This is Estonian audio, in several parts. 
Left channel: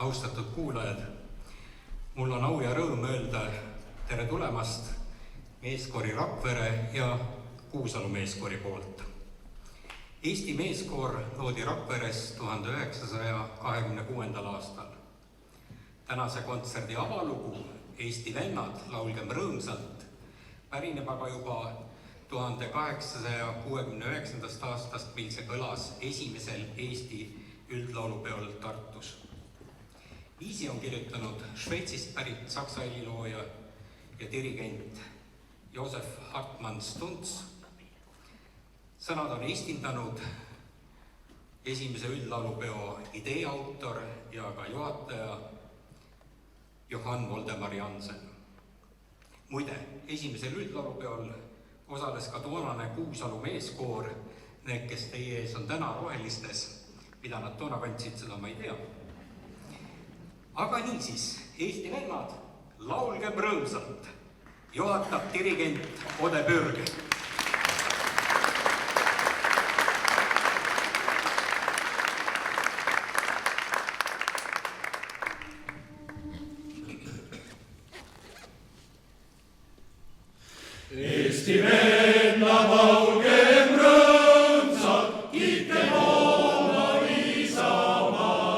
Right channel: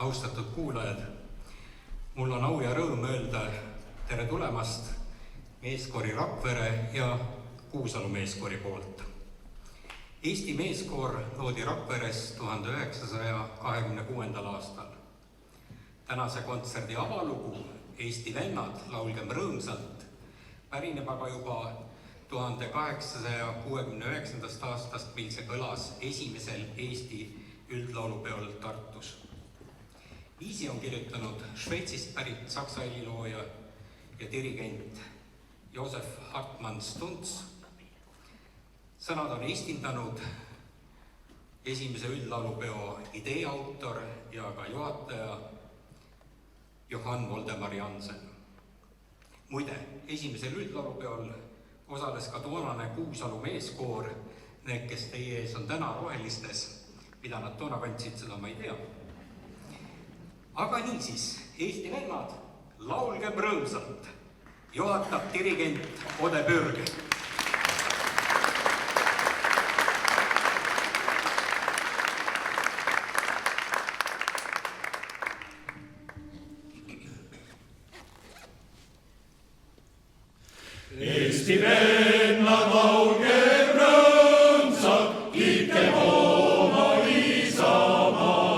Austatud kuulajad, mul on au ja rõõm öelda tere tulemast meeskoori Rakvere ja Kuusalu meeskoori poolt. Eesti meeskoor loodi Rakveres 1926. aastal. Tänase kontserdi avalugu Eesti vennad, laulgem rõõmsalt, pärineb aga juba 1869. aastast, mil see kõlas esimesel Eesti üldlaulupeol Tartus. Viisi on kirjutanud Šveitsist pärit saksa helilooja ja dirigent Josef Hartmann Stunz. Sõnad on eestindanud esimese üldlaulupeo idee autor ja ka juhataja Johann Voldemar Jansen. Muide, esimesel üldlaulupeol osales ka toonane Kuusalu meeskoor. Need, kes teie ees on täna rohelistes, mida nad toona kandsid, seda ma ei tea. Aga niisiis, Eesti vennad, laulgem rõõmsalt, juhatab dirigent Ode Pürge. Eesti vennad, laulgem rõõmsalt, kiitkem oma isamaad.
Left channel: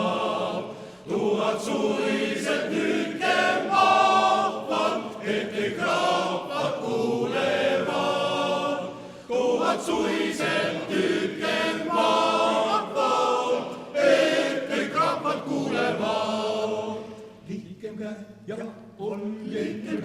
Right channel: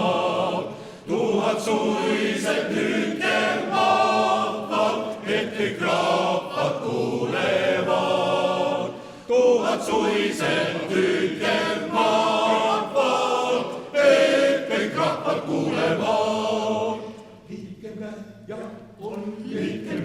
Tuhat suiselt hüüdkem vahvalt, et kõik rahvad kuulevad. Tuhat suiselt hüüdkem vahvalt, et kõik rahvad kuulevad. Liitkem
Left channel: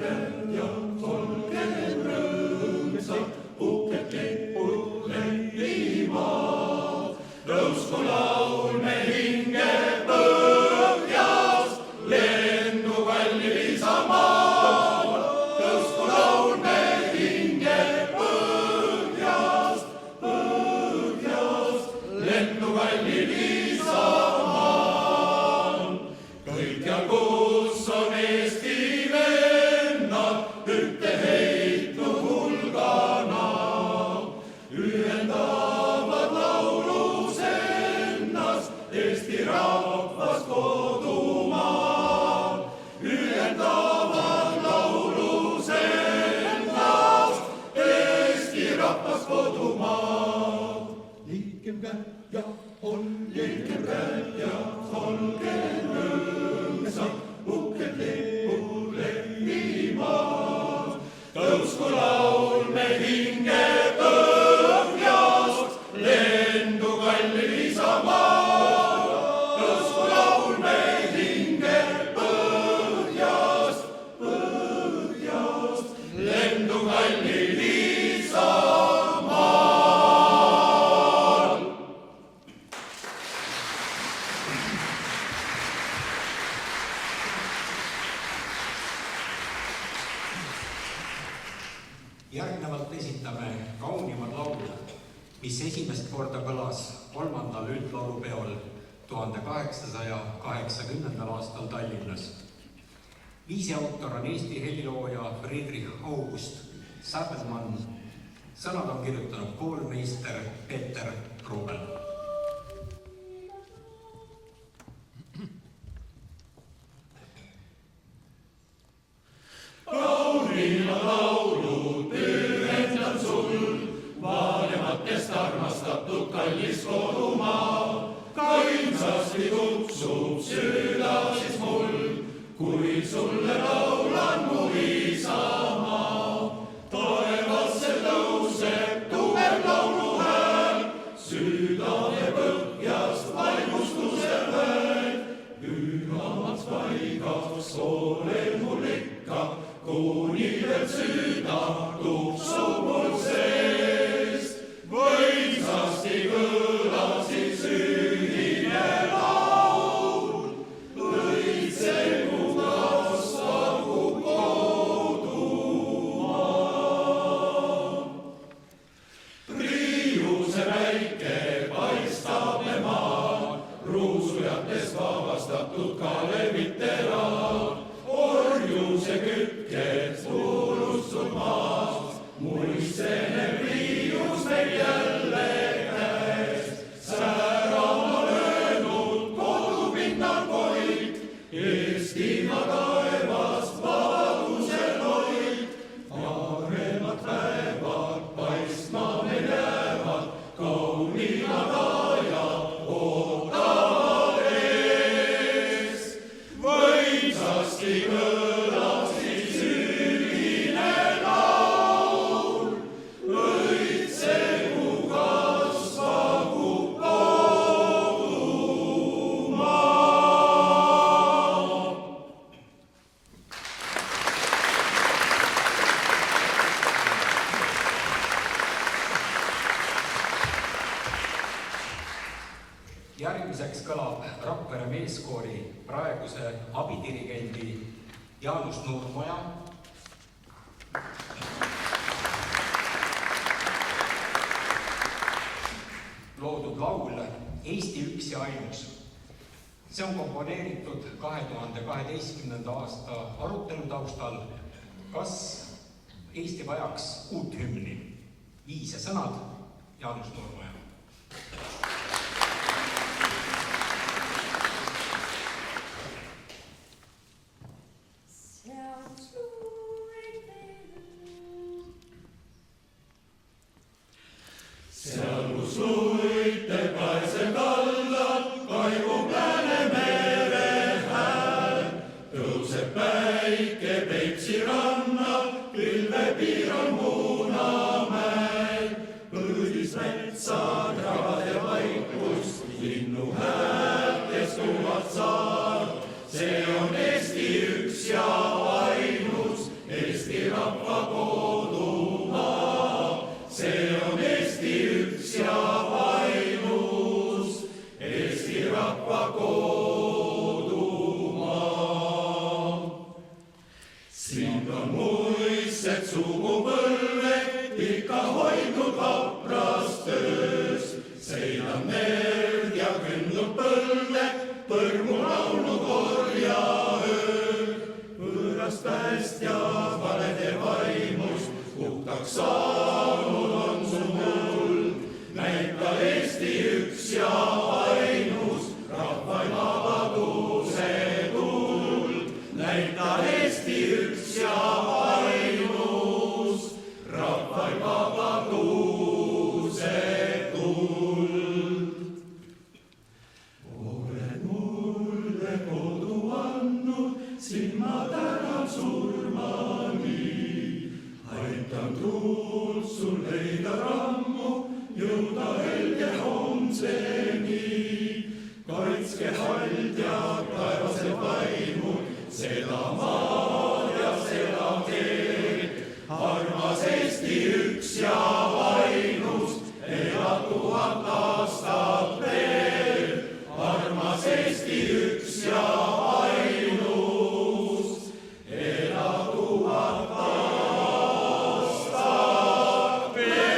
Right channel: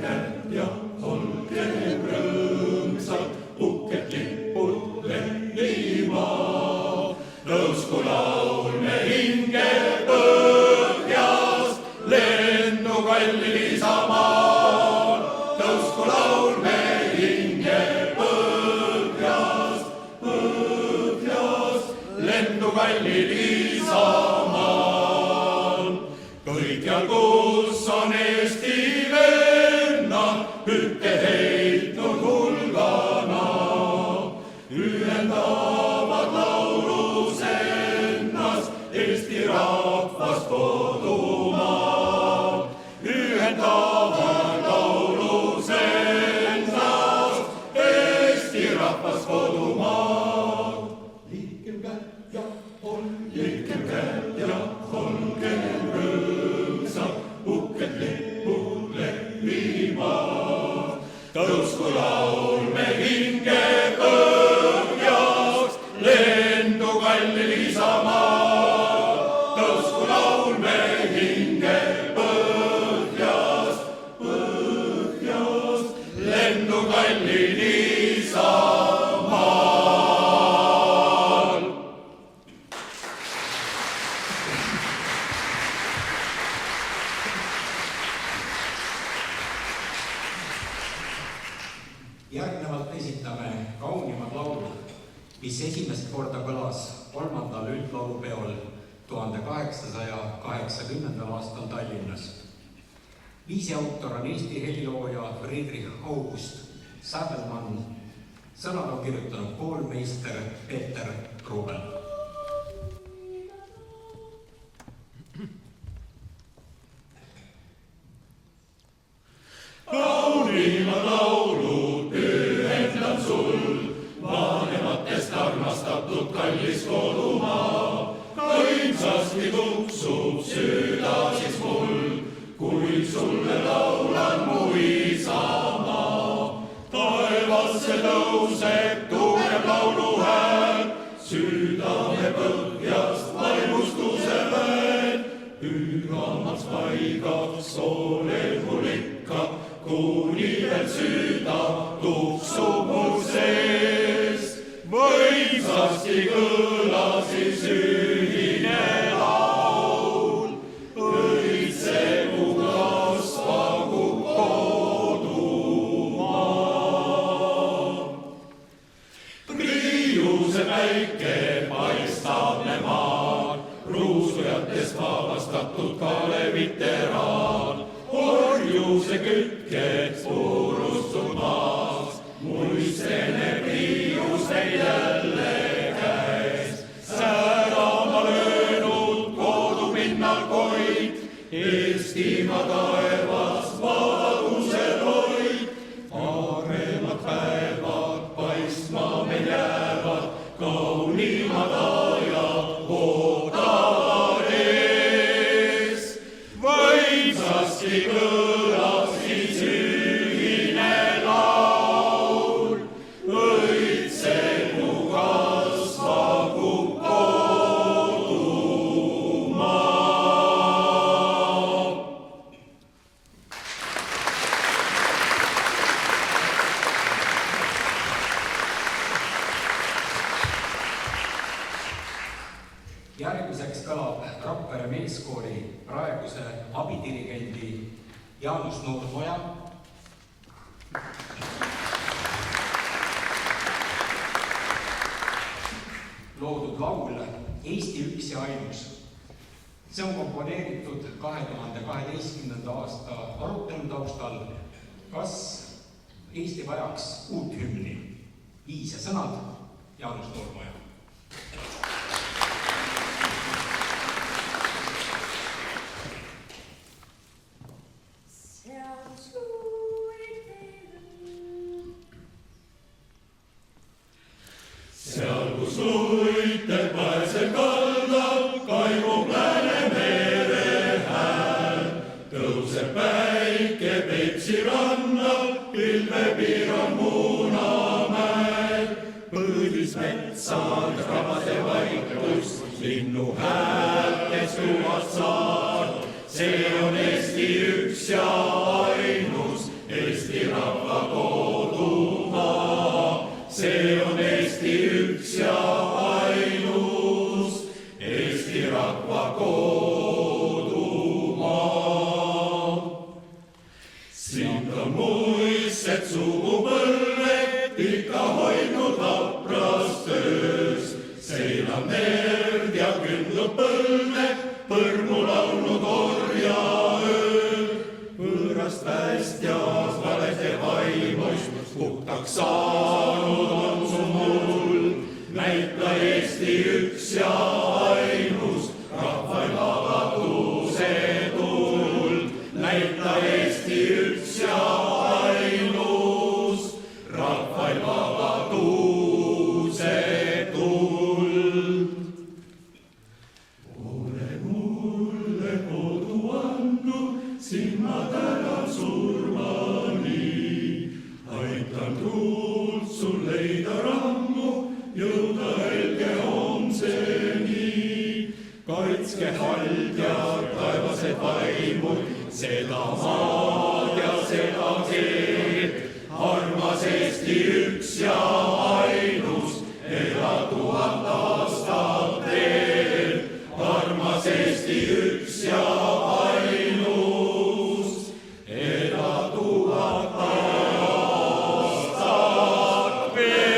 käed ja olgem rõõmsad, uhked lipud lehvivad. Tõusku laulme hinge põhjast, lendu kallil isamaal. Tõusku laulme hinge põhjast, lendu kallil isamaal. Kõikjal, kus on Eesti vennad, hüppe heitnud hulgana, ühendavad laulus ennast Eesti rahvast kodumaal. Ühendavad laulus ennast Eesti rahvast kodumaal. Liitkem käed ja olgem rõõmsad, uhked lipud lehvivad. Tõusku laulme hinge põhjast, lendu kallil isamaal. Tõusku laulme hinge põhjast, lendu kallil isamaal. Järgnevalt esitame kaunimad laulud, mis esimest korda kõlas 3. üldlaulupeol 1880. aastal Tallinnas. Viisi autor on Eesti helilooja Friedrich August Sabelmann. Sõnad on kirjutanud koolmeister Peeter Rubel. Kaunimad laulud pühendan sul, vanematest armastatud kallis kodumaa. Kaimsasti tuksub süda siis mul, kui sulle laulan mu isamaa. Taevasse tõuseb tugev lauluhääl, südame põhjast vaimustuse väed. Pühamaks paigaks olen mul ikka, kuni veel süda tuksub mul sees. Võimsasti kõlasis ühine laul, õitsegu kasvagu kodumaa. Priiuse päike paistab me maal, ruusujatest vabastatud Kaleviteraan. Orjuse kütked purustud maas, muistene priius meil jälle käes. Säärama löönud kodupinnal koid, Eestimaa taevas vabaduse toit. Nooremad päevad paistma meil jäävad, kaunimad ajad ootavad ees. Võimsasti kõlas siis ühine laul, õitsegu kasvagu kodumaa. Järgmiseks kõlab Rakvere meeskoori praeguse abidirigendi Jaanus Nurmoja loodud laul Eesti üks ja ainus. See on komponeeritud 2012. aasta arutelu taustal, kas Eesti vajaks uut hümni. Viis ja sõnad Jaanus Nurmoja. Seal, kus luite paesel kaldab, kaibub Läänemere hääl. Tõuseb päike Peipsi rannal, pilveb Iran Munamäel. Põõdis metsad, rabade vaikus, linnu häältes tuvad saar. See on Eesti üks ja ainus, Eesti rahva kodumaa. See on Eesti üks ja ainus, Eesti rahva kodumaa. Siin on muistsed sugupõlved ikka hoidnud hapras töös. Seinan merd ja kündlub põlve, põrmu laulnud orjaöö. Võõrast päästjas valede vaimust, puhtaks saanud on su muld. Näita Eesti üks ja ainus, rahval vabaduse tuld. Näita Eesti üks ja ainus, rahval vabaduse tuld. Ole mulle kodu andnud, sind ma tänan surmani. Aitan tuult sul leida rammu, jõuda helge homseni. Kaitske haldjad, taevased vaimud, seda maad ja seda teed. Armas Eesti üks ja ainus, ela 1000 aastat veel. Armas Eesti üks ja ainus, ela 1000 aastat veel.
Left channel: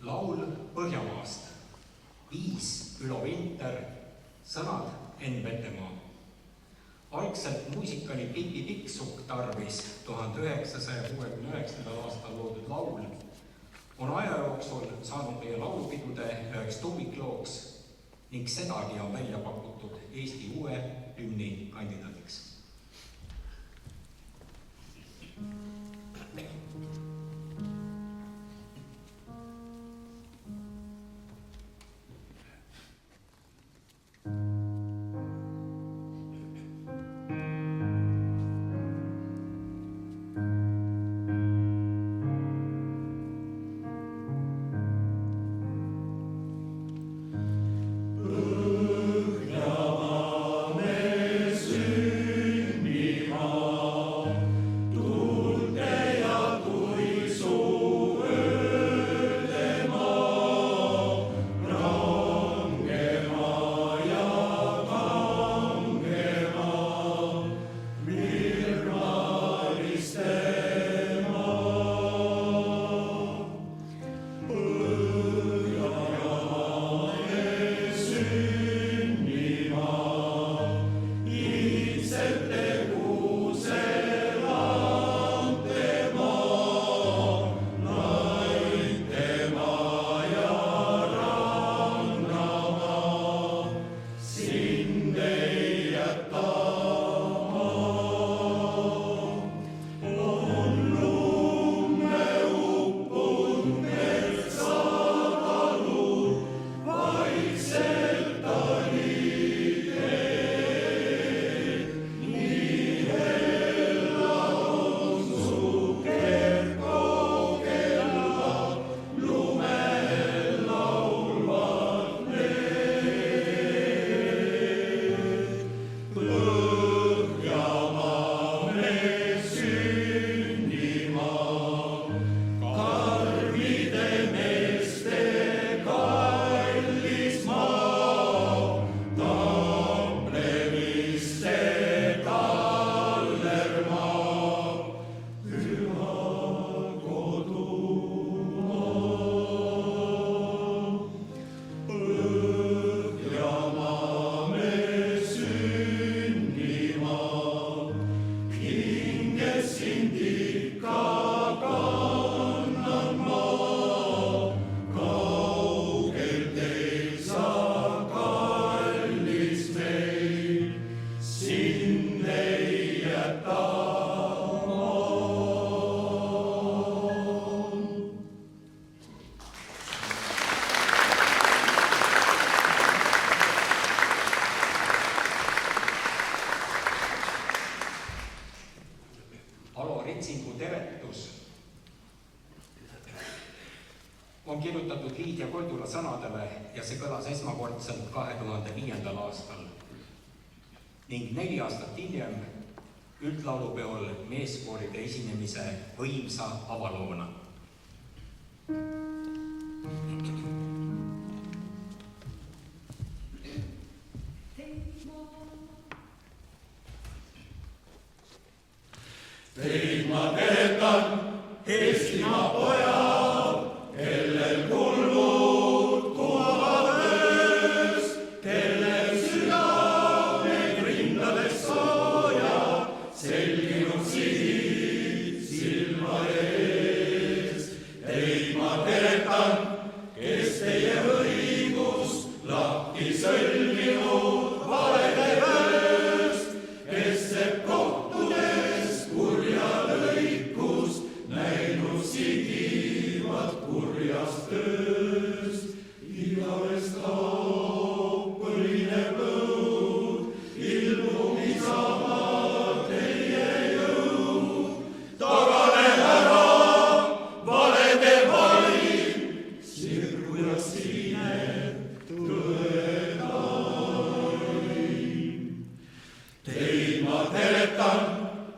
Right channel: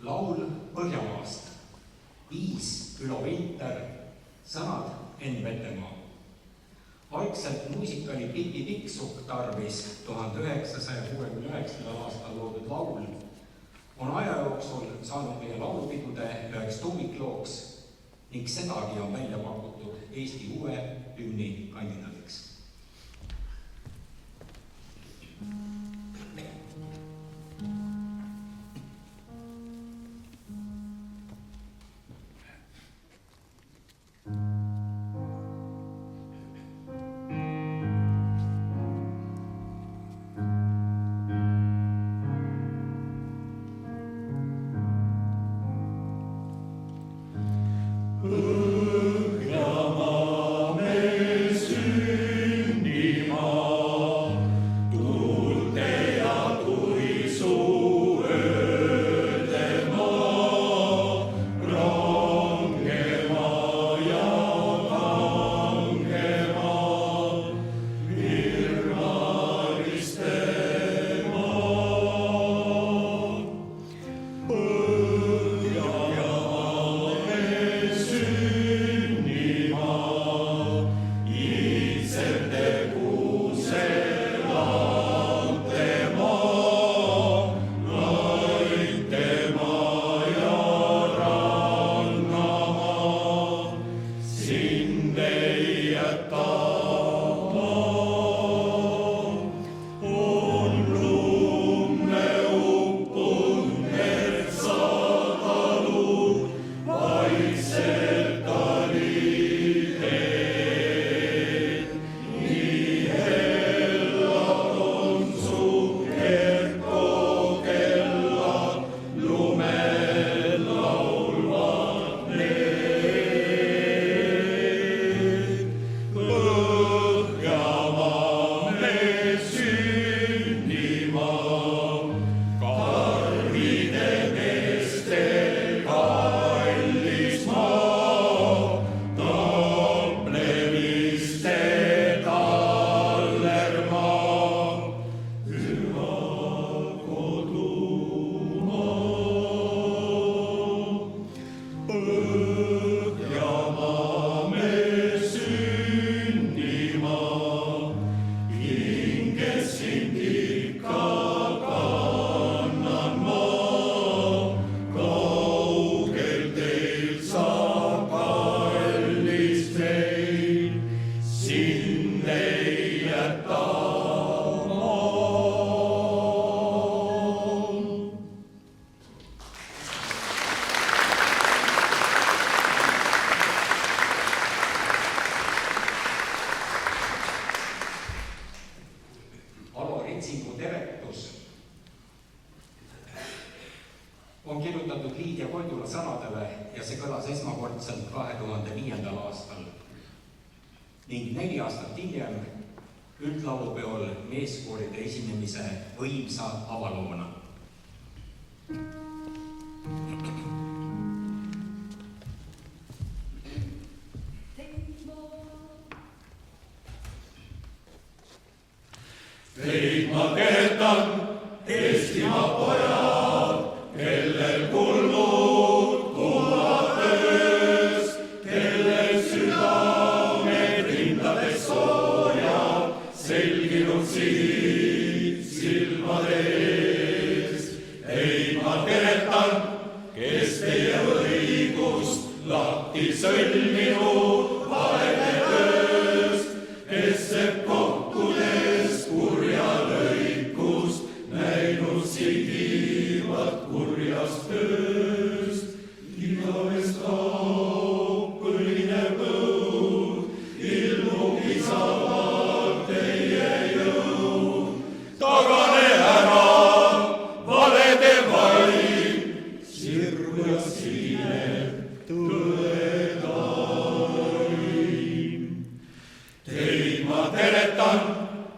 Laul Põhjamaast. Viis Ülo Vinter, sõnad Enn Vetemaa. Algselt muusikali Pipi Pikksukk tarvis 1969. aastal loodud laul on aja jooksul saanud meie laulupidude üheks tummiklooks ning sedagi on välja pakutud Eesti uue hümni kandidaadiks. Põhjamaa mees Metsingu teretus on kirjutatud Liidia Koidula sõnadele ja see kõlas esmakordselt 2005. aastal ning 4 aastat hiljem üldlaulupeol meeskooride esinemise võimsa avaloona. Teid ma keetan, Eestimaa pojad, kellel kulmud kummavad öös, kellel südamed rindades soojad, selginud siit silmade ees. Teid ma keetan, kes teie õigust lahti sõlminud valede tööst, kes sepp kohtudes kurja lõikust, näinud sigivat kurjast tööst. Igavest kaob põlineb õud, ilmub isamalt teie jõud. Tagane ära, valede vaim, sirgu ja siinet tõe taim. Teid ma teletan,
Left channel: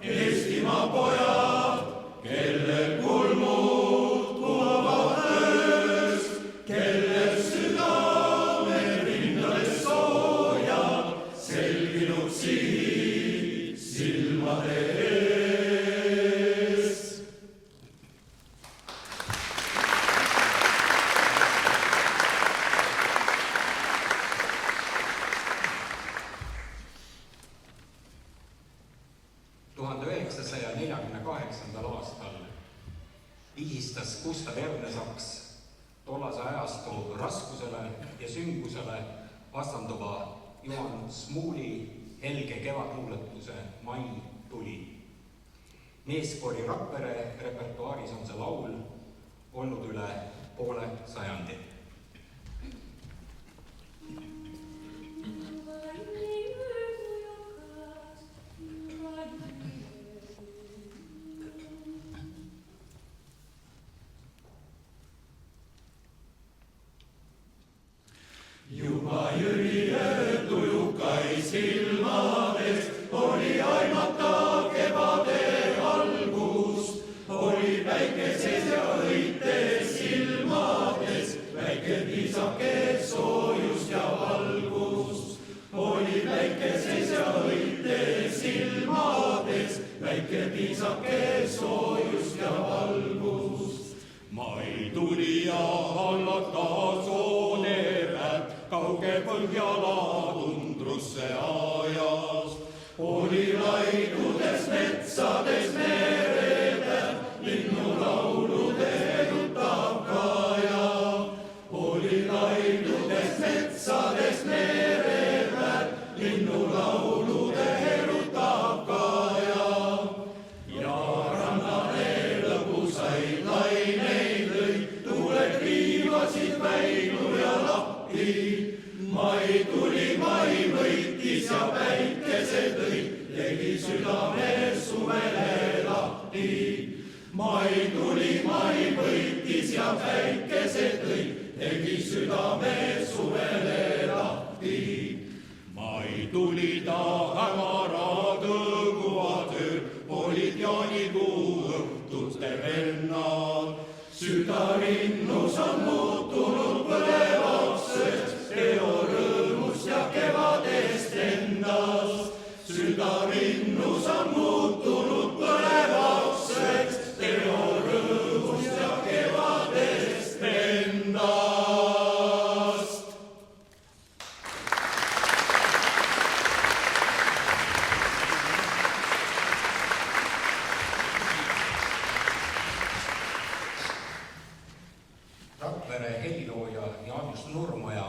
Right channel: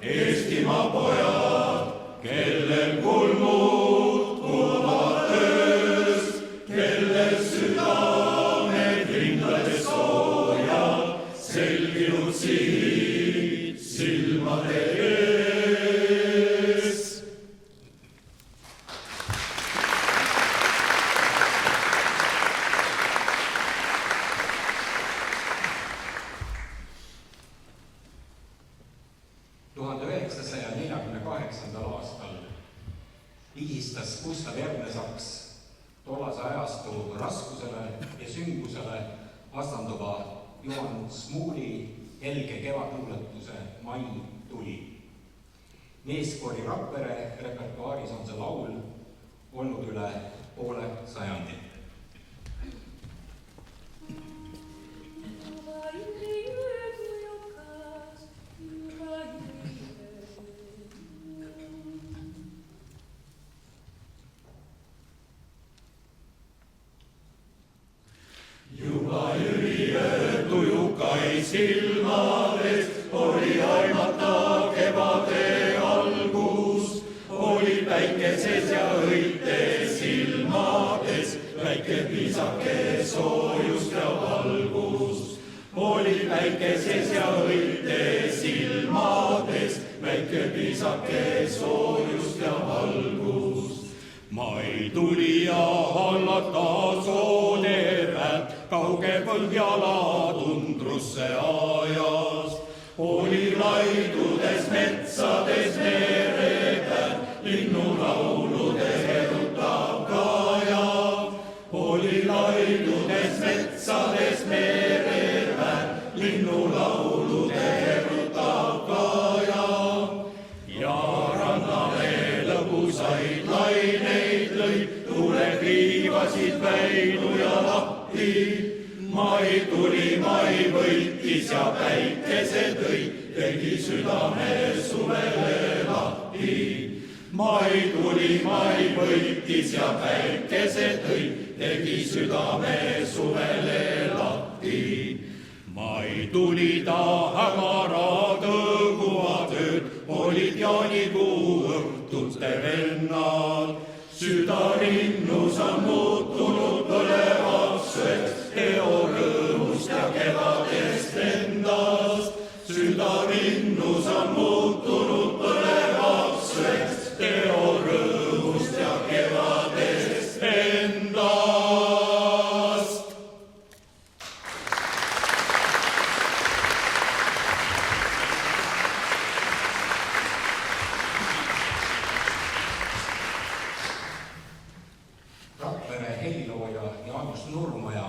Eestimaa pojad, kellel kulmud kummavad ööst, kellel südamed rindades soojad, selginud siit silmade ees. aastal vihistas Gustav Ernesaks tollase ajastu raskusele ja süngusele vastanduva Juhan Smuuli helge kevadluuletuse Mai tuli. Meeskoori Rakvere repertuaaris on see laul olnud üle poole sajandi. Juba jüliöö tujukai silmades oli aimata kevade algus, oli päikeses ja õites silmades väike piisake soojust ja valgust. Oli päikeses ja õites silmades väike piisake soojust ja valgust. Mai tuli ja hallata sooderät kauge Põhjala tundrusse ajas. Oli laidudes metsades merepääd, linnulaulude erutav kaja. Oli laidudes metsades merepääd, linnulaulude erutav kaja. Ja rannale lõbusaid laineid lõid, tuule kriivasid väinu ja lahti. Mai tuli, mai võitis ja päikese tõi, tegi südame suvele lahti. Mai tuli, mai võitis ja päikese tõi, tegi südame suvele lahti. Mai tuli ta hämara tõguvad ööd, olid jaanikuu õhtute vennad. Südarinnus on muutunud põlevaks ööks, eo rõõmust ja kevadest endast. Südarinnus on muutunud põlevaks ööks, eo rõõmust ja kevadest endast. Rakvere helilooja Jaanus Nurmaja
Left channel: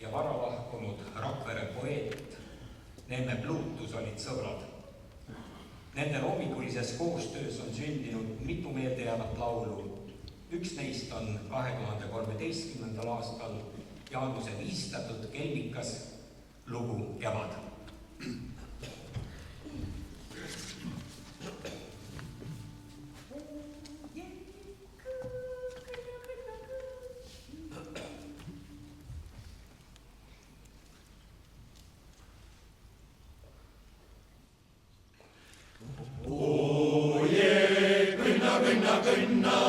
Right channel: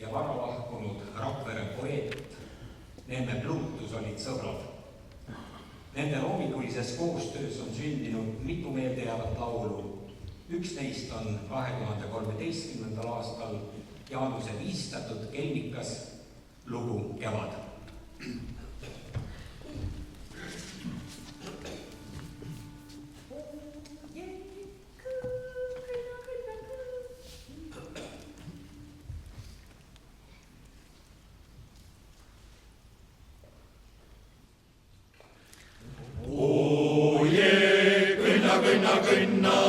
ja varalahkunud Rakvere poeet Neeme Pluutus olid sõbrad. Nende loomikulises koostöös on sündinud mitu meeldejäävat laulu. Üks neist on 2013. aastal Jaanuse viistatud kelmikas lugu Kevad. kõnna.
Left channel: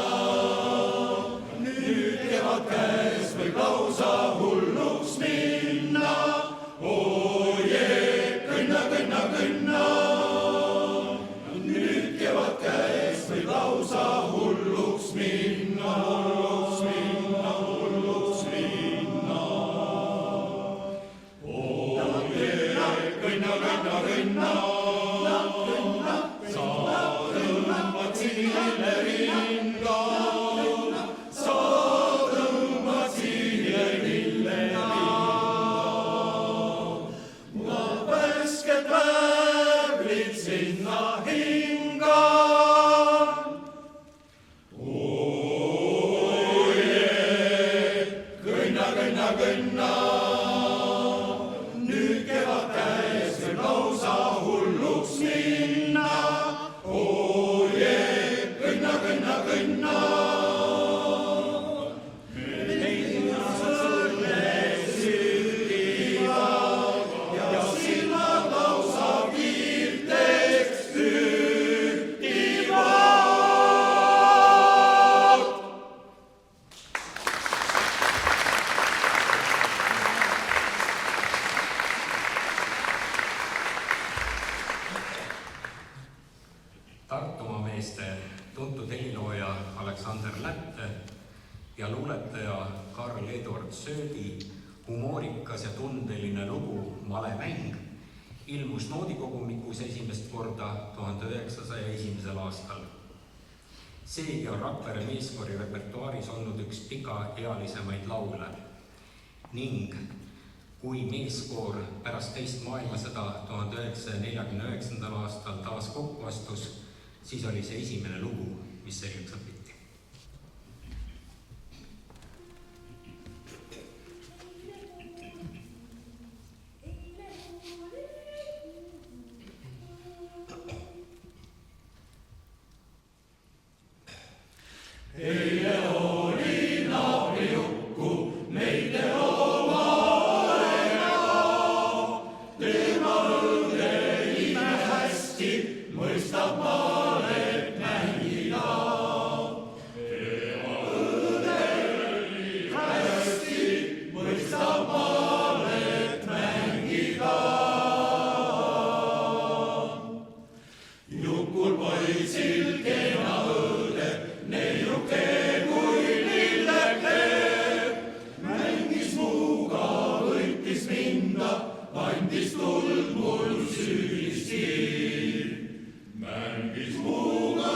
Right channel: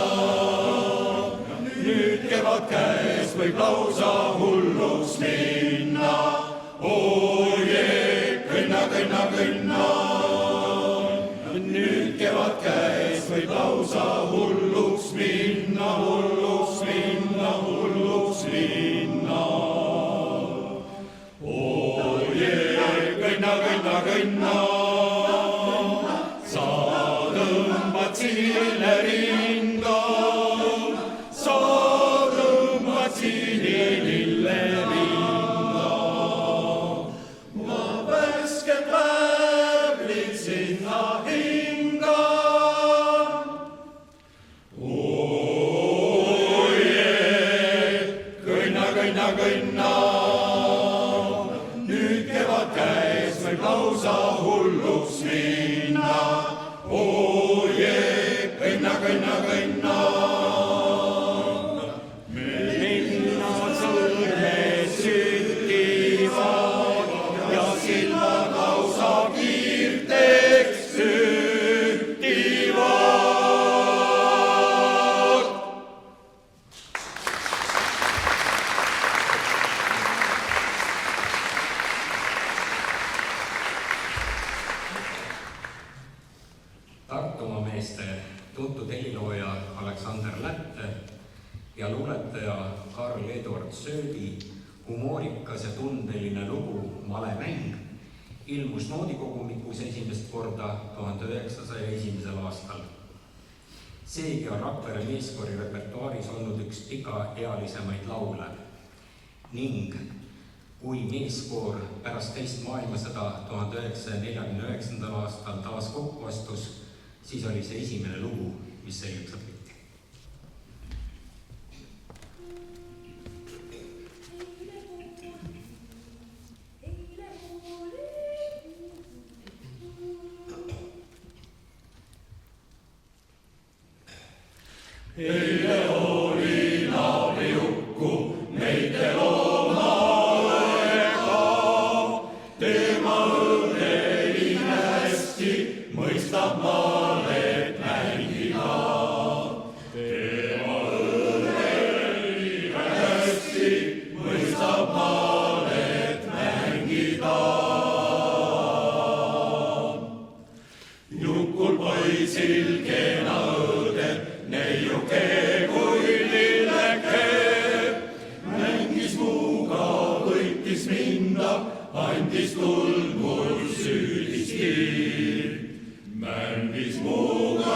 Nüüd kevad käes võib lausa hulluks minna. Oje, kõnna, kõnna, kõnna. Nüüd kevad käes võib lausa hulluks minna, hulluks minna, hulluks minna. Oje, kõnna, kõnna, kõnna. Sa tõmbad sinile ringa, sa tõmbad sinile ringa. Ma värsked väävlid sinna hingan. Oje, kõnna, kõnna, kõnna. Nüüd kevad käes võib lausa hulluks minna. Oje, kõnna, kõnna, kõnna. Linnad sõlmes süttivad ja silmad lausa kiirteks süttivad. Tartumaa meeste tuntud helilooja Aleksander Lätte ja luuletaja Karl Eduard Söödi humoorikas ja tundeline lugu Malemäng ilmus noodikogumikus esimest korda 1901. aastal. Seegi on Rakvere meeskoori repertuaaris olnud üks pikaealisemaid laule ning kui meeskoor pärast teist maailmasõda 1949. aastal taas kokku astus, siis oli see esimene lugu, mis selgeks õpiti. Eile oli naabriukku meite loomaega, tema õnneline hästi mõistab malet mängida. Tema õnneline hästi mõistab malet mängida. Jukul poisil kena õde, neiuke kui lilleke, mängis muuga, võitis minda, andis tuld mul süüdisti. Mängis muuga,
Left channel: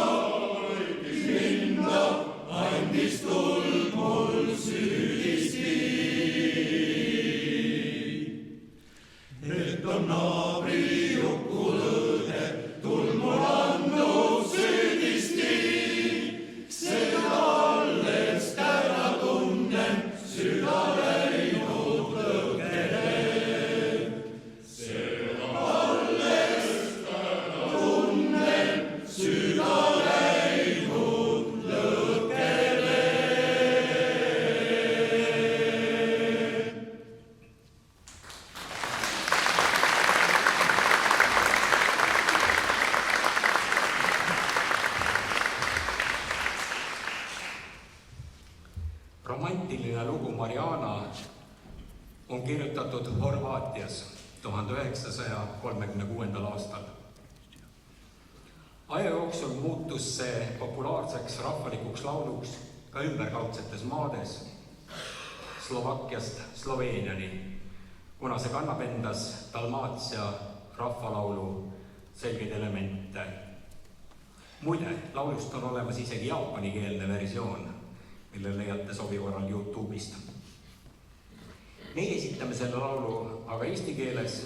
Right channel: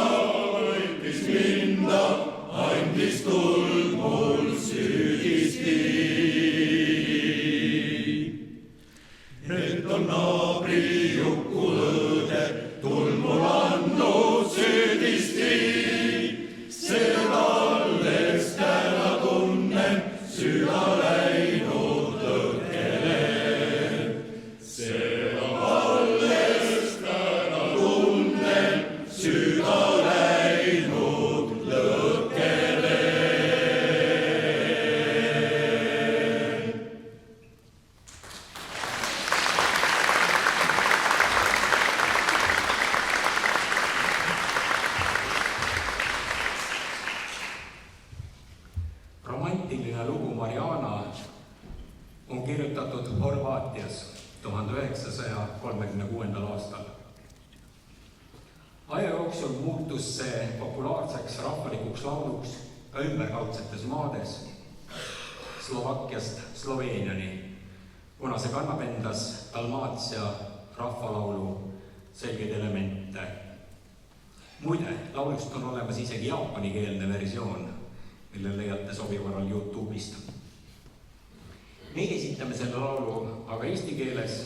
võitis minda, andis tuld mul süüdisti. Need on naabri Juku õde, tuld mul andnud süüdisti. Seda alles täna tunnen, süda läinud lõkkele. Seda alles täna tunnen, süda läinud lõkkele. Romantiline lugu Mariana on kirjutatud Horvaatias 1936. aastal. Aja jooksul muutus see populaarseks rahvalikuks lauluks ka ümberkaudsetes maades, Slovakkiast Sloveeniani, kuna see kannab endas Dalmaatia rahvalaulu selgeid elemente. Muide, laulust on olemas isegi jaapanikeelne versioon, mille leiate sobi korral YouTube'ist. Meie esitame selle laulu aga eesti keeles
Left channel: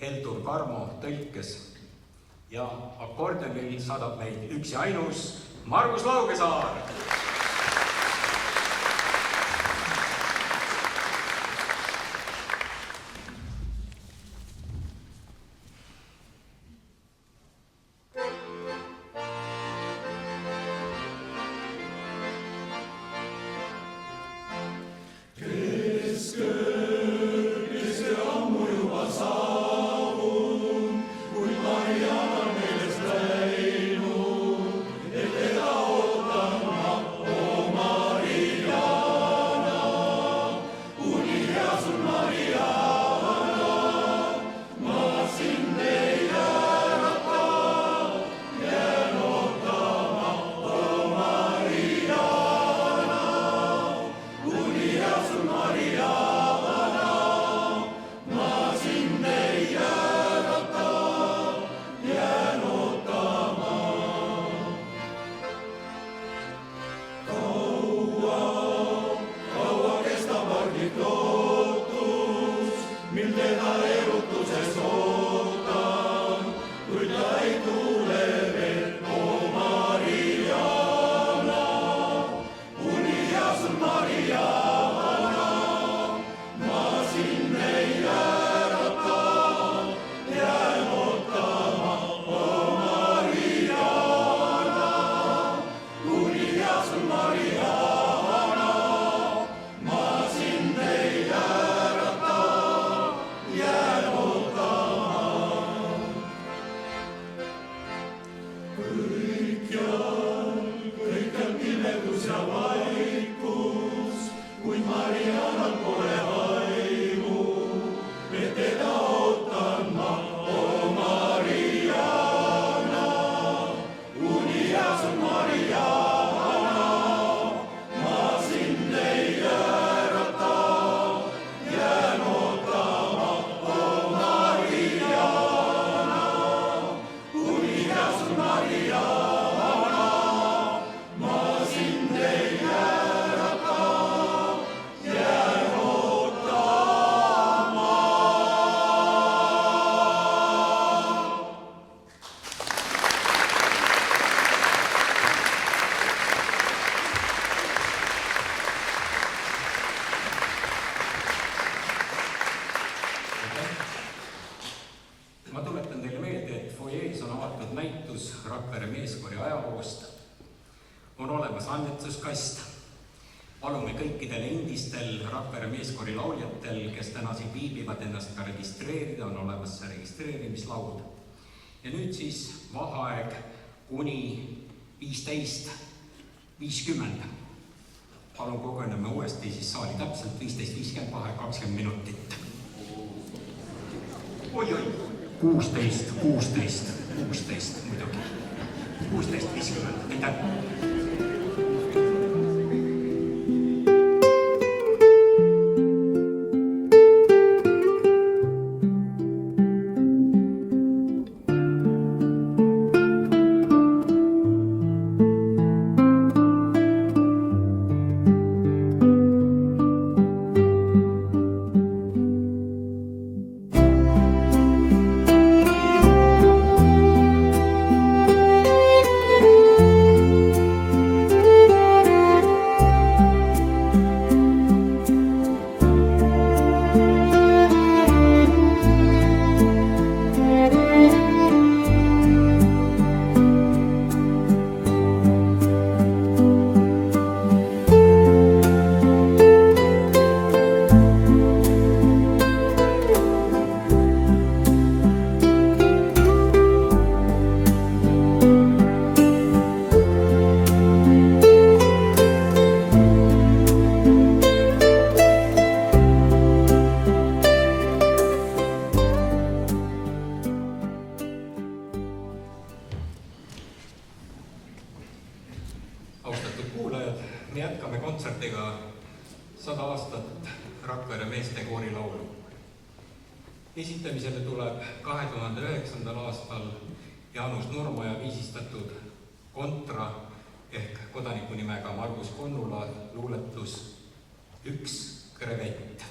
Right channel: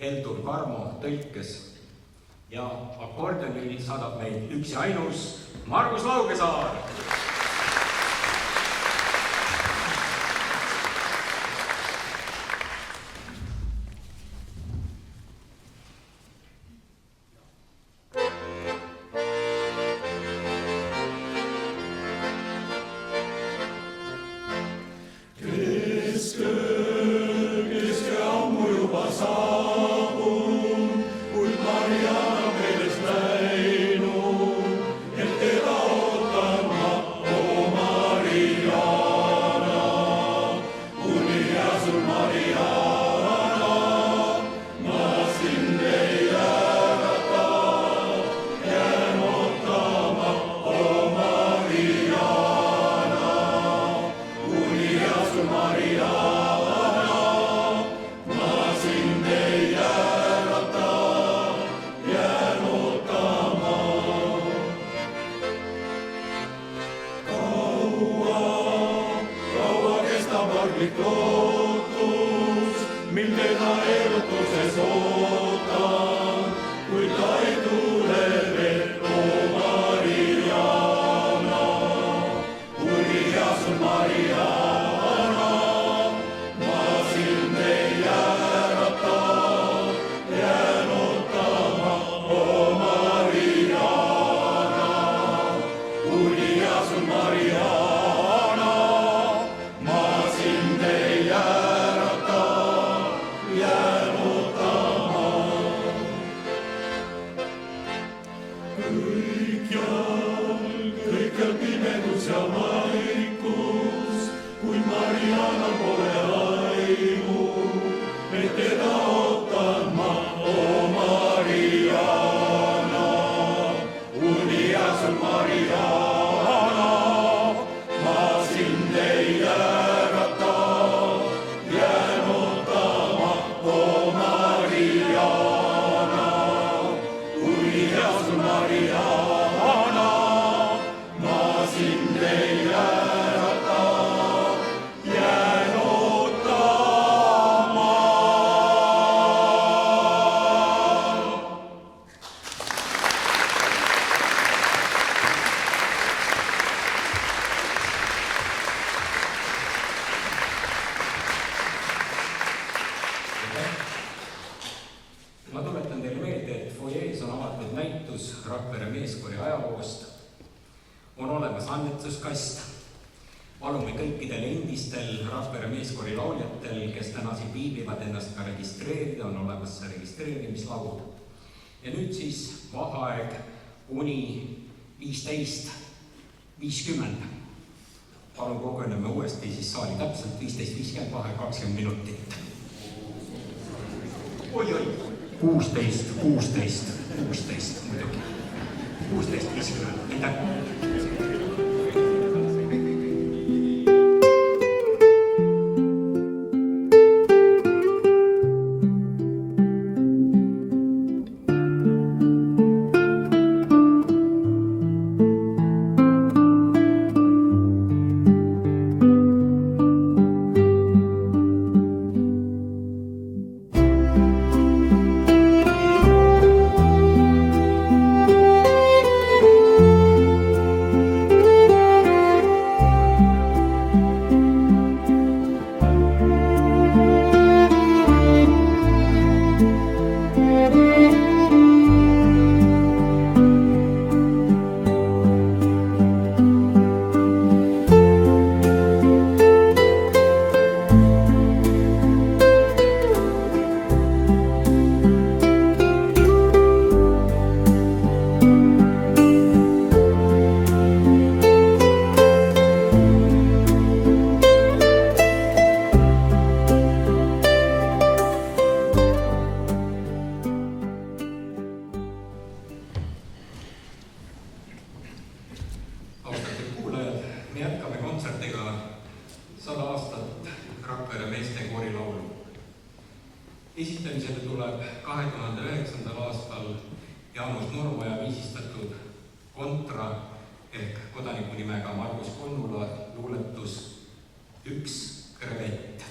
Heldur Karmo tõlkes ja akordionil saadab meid üks ja ainus Margus Laugesaar. Kui Maria meeles läinud, et teda kõikjal pimedus ja vaikus, kuid Marianal pole aimu, et teda ootan ma, o Mariana. Unias on Mariana, ma sind ei äärata, jään ootama, o Mariana. Unias on Mariana, ma sind ei äärata, jään ootama. Ma tuletan teile meelde, et foyees on avatud näitus Rakvere meeskoori ajaloost. On olemas annetuskast. Palume kõikidel endistel Rakvere meeskoori lauljatel, kes täna siin viibivad, ennast ka registreerida, on olemas see registreerimislaud. Ja nüüd siis vaheaeg kuni 15:50. Palun koguneme uuesti siis saali täpselt 15:50, vaheaeg 20 minutit. Oi-oi! 16 muidugi. 16:50, aitäh! Me jätkame kontsertiga 100 aastat Rakvere meestekoori laulu. Esitamisele tuleb 2009. aastal Jaanus Nurmoja viisistatud kontra ehk kodaniku nimega Margus Konnula luuletus Üks krevett.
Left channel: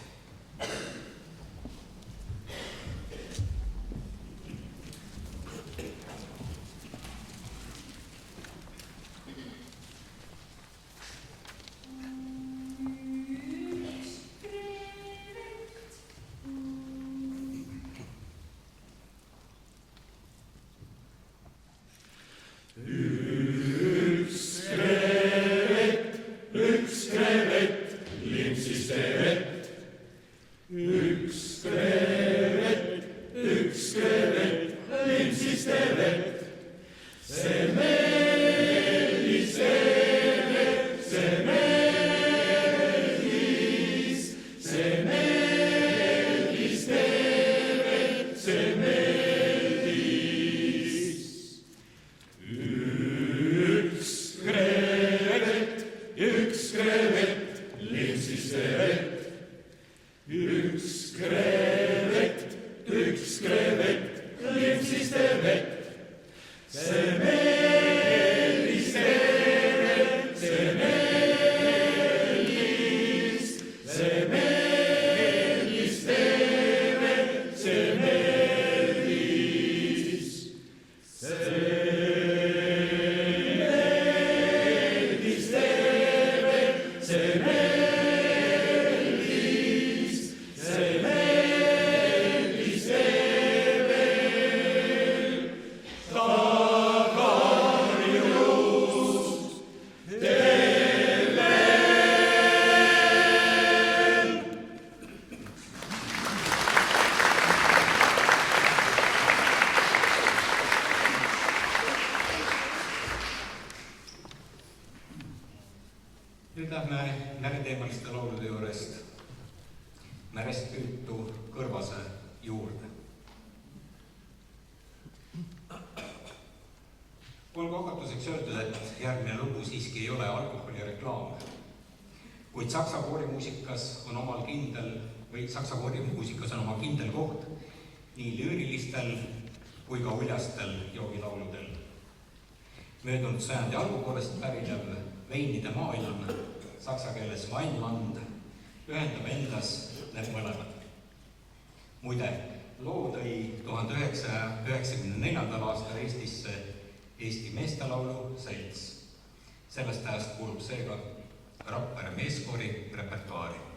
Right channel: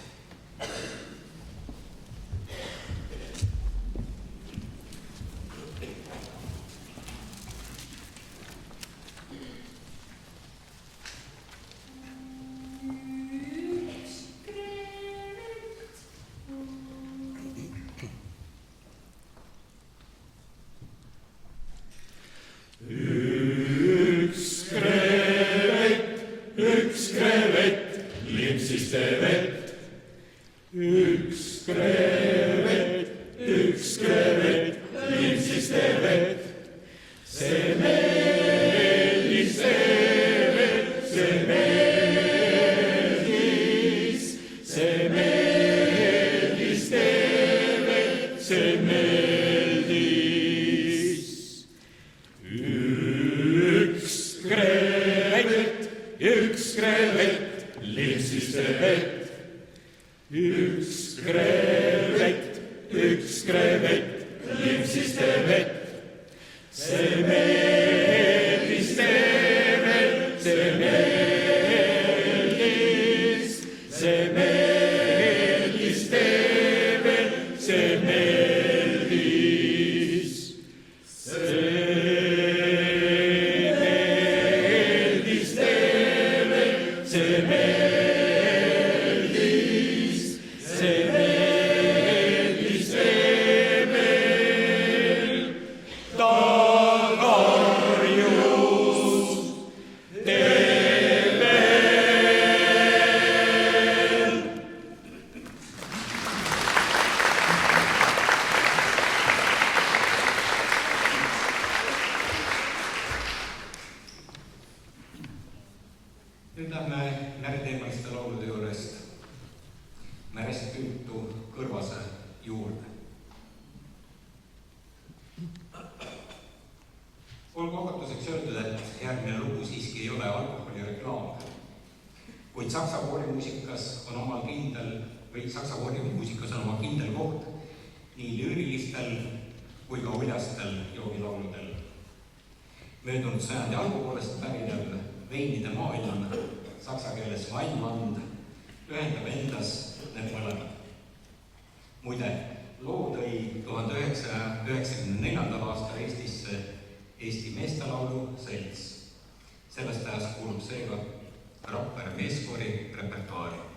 Üks krevet, limpsiste vett, see meil Nüüd lähme mereteemaliste laulude juurest merest püütu kõrvase juurde. Olgu hakatuseks öeldud, et järgmine lugu siiski ei ole alkoholireklaam, kuid saksa koorimuusikas on oma kindel koht nii lüürilistel kui ka uljastel joogilauludel. Möödunud sajandi algupoolest pärinev veinide maailm, saksa keeles Weinland, ühendab endas need mõlemad. Muide, loo tõi 1994. aastal Eestisse Eesti meestelaulu selts. Sellest ajast kuulub seega Rapper meeskoori repertuaari.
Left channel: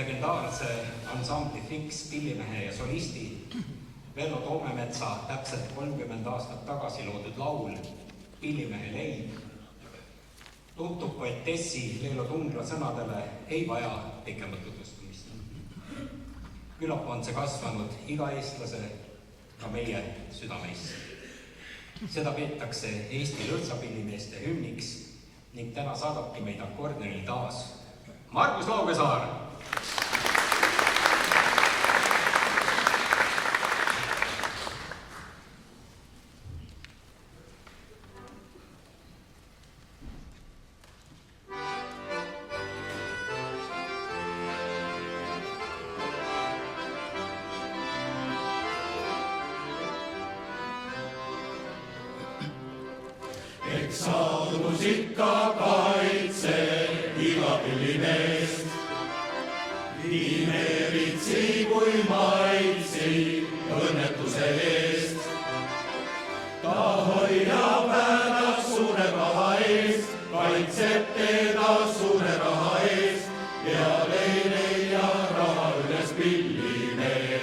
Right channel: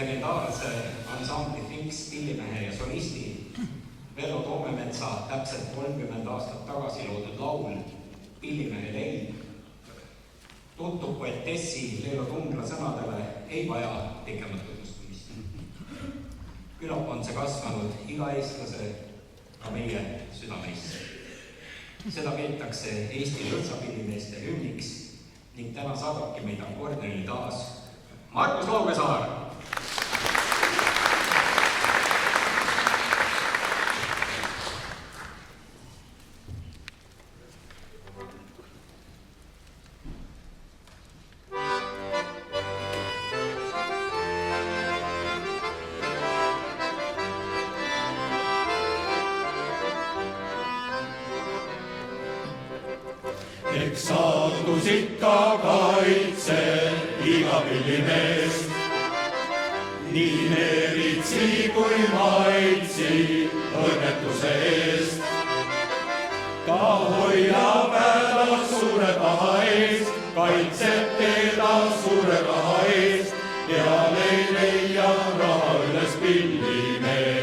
Legendaarse ansambli Finks pillimehe ja solisti Vello Toomemetsa täpselt 30 aastat tagasi loodud laul Pillimehe leib tuttub poetessi Leelo Tungla sõnadele ei vaja pikemat tutvustamist. Küllap on see kasvanud iga eestlase, ka meie südameisse. Seda peetakse Eesti lõõtsapillimeeste hümniks ning täna saadabki meid akordionil taas Markus Laugesaar. Eks saadus ikka kaitse iga pillimeest, nii neeritsi kui maitsi õnnetuse eest. Ta hoiab ära suure paha eest, kaitseb teda suure paha eest, peale ei leia raha üles pillimeest.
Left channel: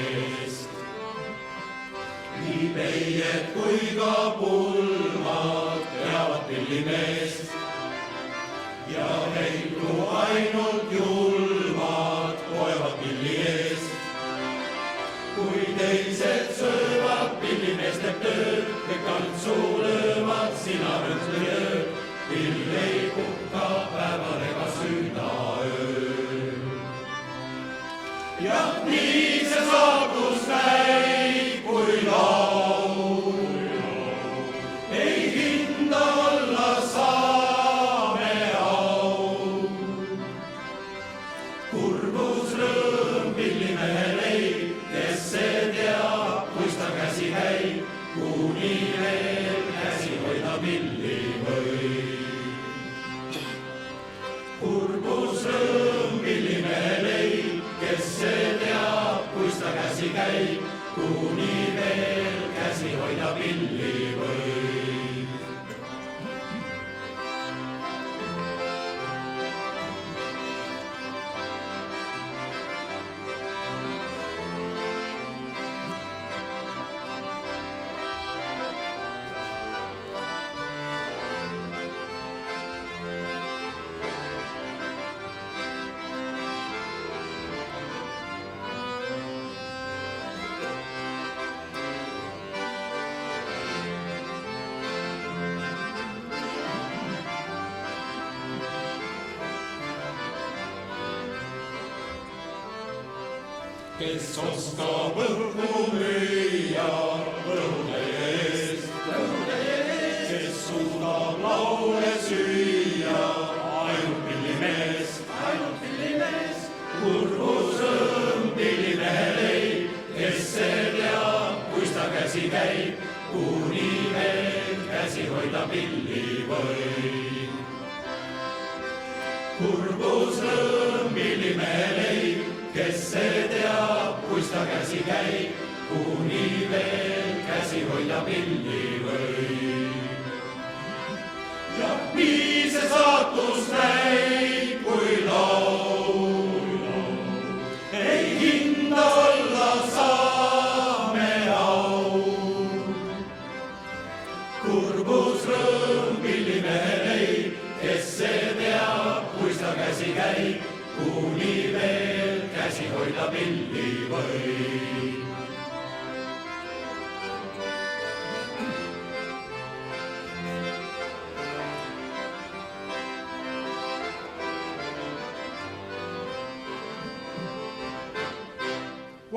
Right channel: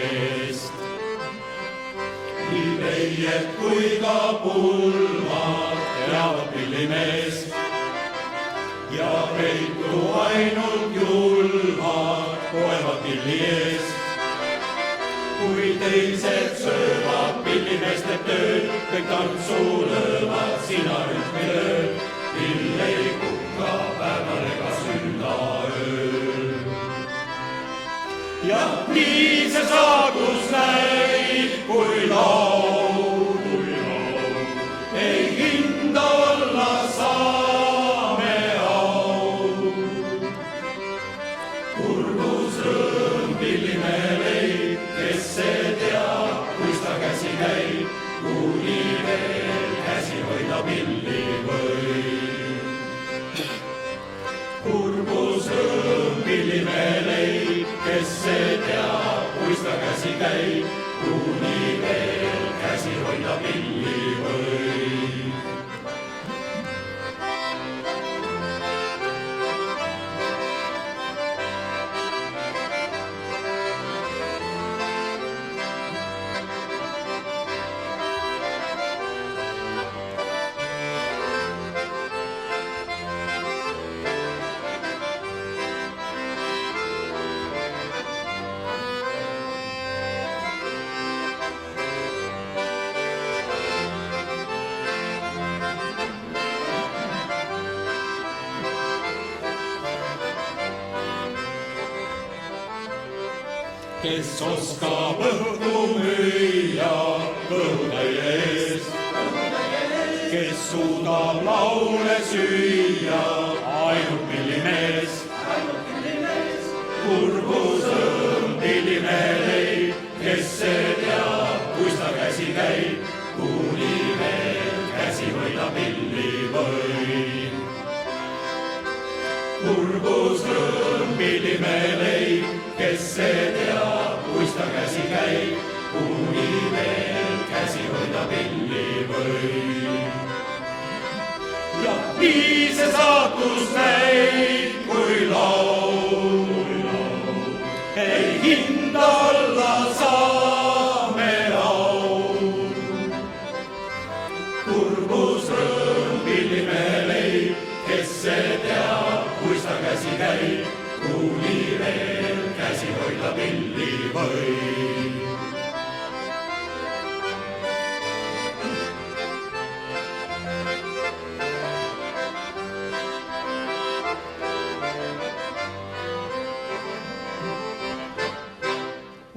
kes oskab õhku müüa õhutäie eest, kes suudab laule süüa, ainult pillimees, kurbusrõõm pilline leib, kes see teab, kus ta käsi käib, kuni veel käsi hoida pilli võib. Kurbusrõõm pilline leib, kes see teab, kus ta käsi käib, kuni veel käsi hoida pilli võib. Ja nii see saatus käib, kui laul, ei hinda olla saame au. Kurbusrõõm pilline leib, kes see teab, kus ta käsi käib, kuni veel käsi hoida pilli võib.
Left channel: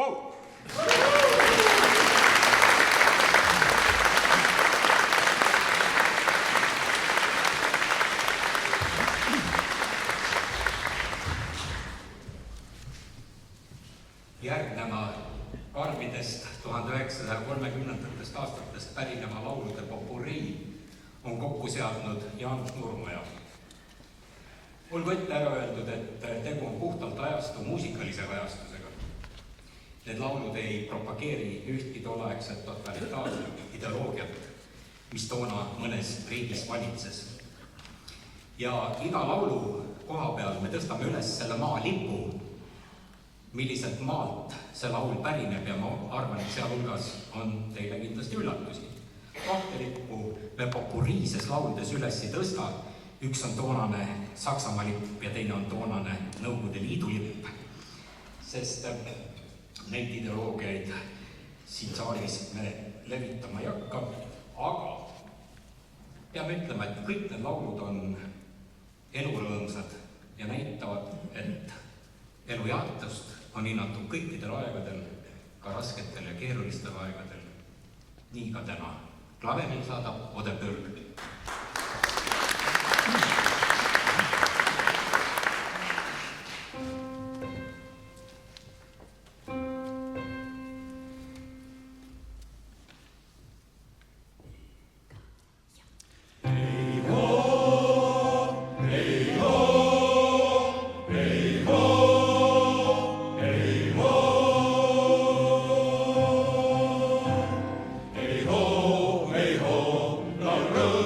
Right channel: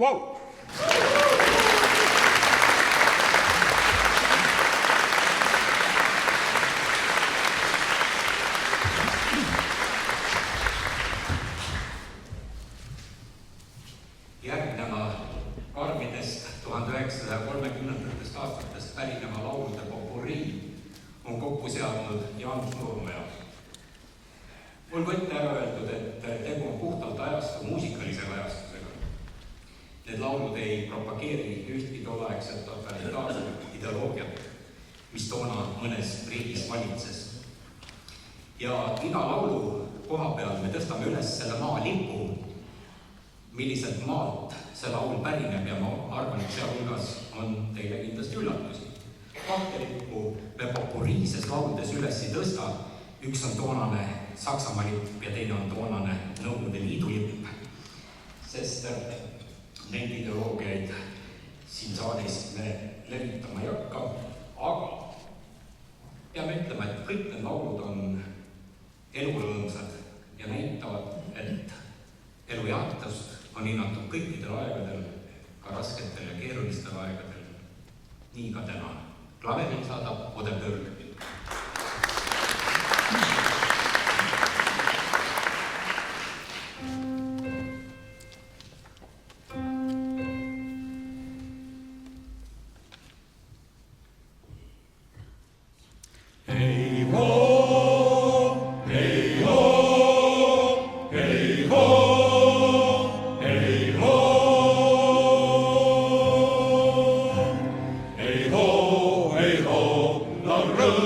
Wow! Järgneva karmidest 1930. aastatest pärineva laulude popurii on kokku seadnud Jaanus Nurmoja. Olgu ette ära öeldud, et tegu on puhtalt ajastu muusikalise kajastusega. Need laulud ei propageeri ühtki tolleaegset totalitaarset ideoloogiat, mis toona mõnes riigis valitses. Ja iga laulu koha peal me tõstame üles selle maa lipu, milliselt maalt see laul pärineb ja ma arvan, et sealhulgas on teile kindlasti üllatusi. Kahte lippu me popuriises lauludes üles ei tõsta, üks on toonane Saksamaa lipp ja teine on toonane Nõukogude Liidu lipp, sest neid ideoloogiaid siin saalis me levitama ei hakka, aga peame ütlema, et kõik need laulud on elurõõmsad ja näitavad, et elujaatust on hinnatud kõikidel aegadel, ka rasketel ja keerulistel aegadel. Nii ka täna. Klaveril saadab Ode Pörg. Rõõm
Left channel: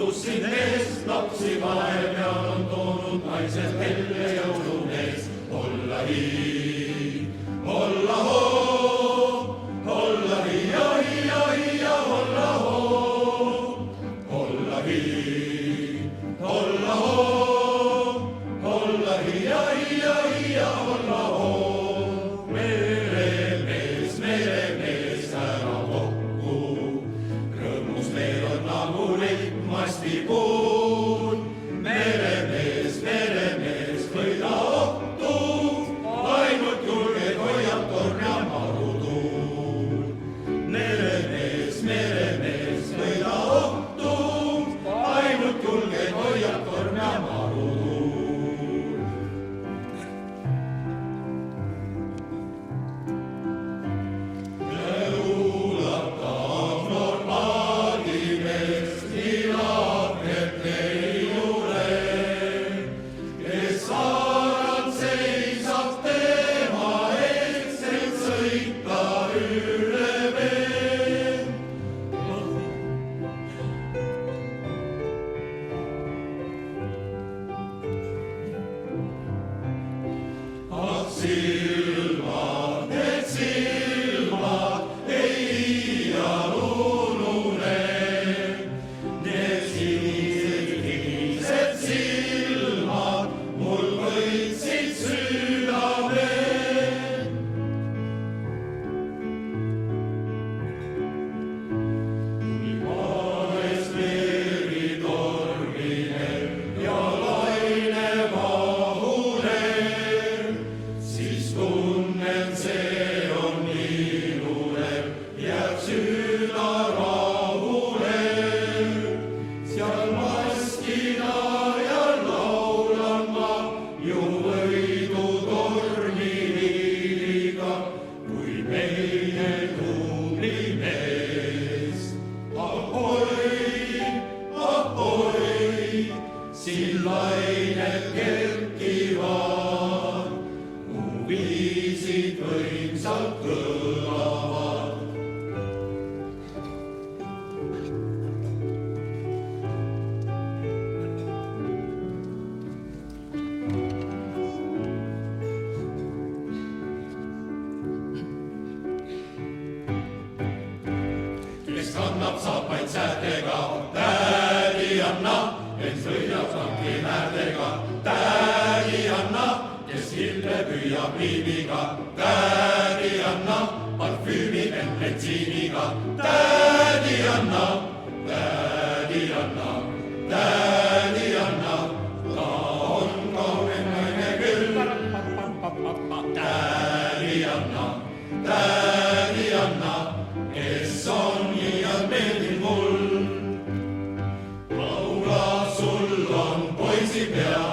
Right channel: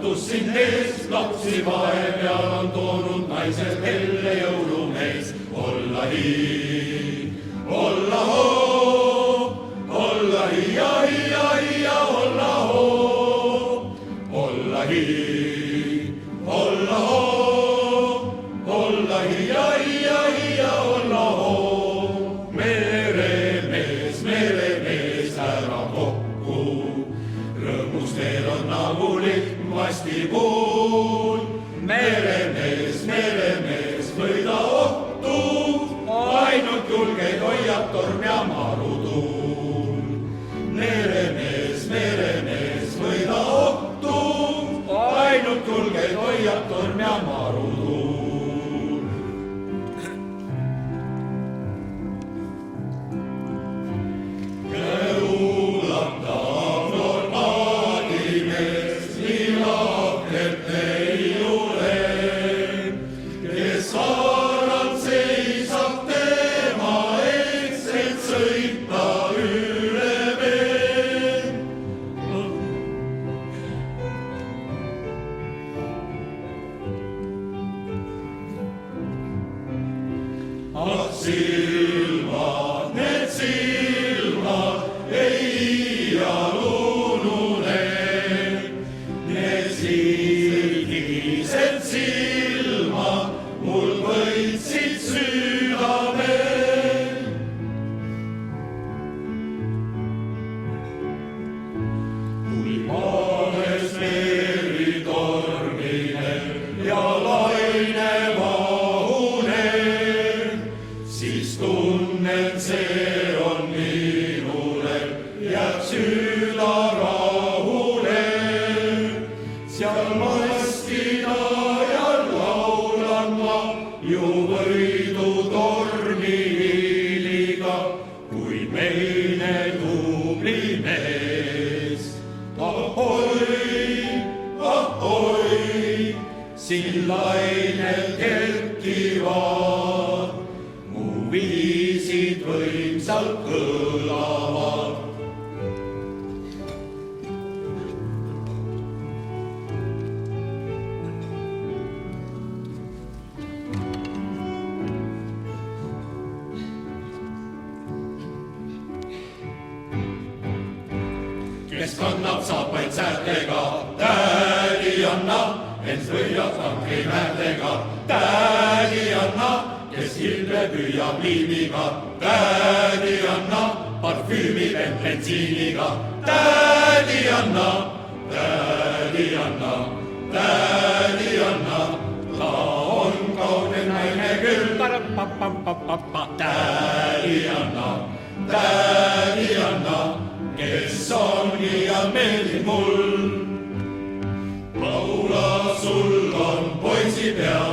kannatus sind ees, lapsi vahepeal on toonud naised, kelle jõulumees olla hiin, olla hoo, olla hiia, hiia, hiia, olla hoo, olla hiin, olla hoo, olla hiia, hiia, hiia, olla hoo. Meremees, ära kokku, rõõmus meil on nagu lihtmasti puul. Meremees, võida ohtu, ainult julgeid hoiab torm ja marutuul. Meremees, võida ohtu, ainult julgeid hoiab torm ja marutuul. Kannab saapaid säärtega, tädi anna, kes võidab kangi määrdega, tädi anna, kes hilde püüab liimiga, tädi anna, parfüümi bensiiniga, tädi anna, tädi anna, tädi anna, ta on kaugel naine küll, tädi anna, kes on liialt meeldib mul. Laula, sul on poisipea,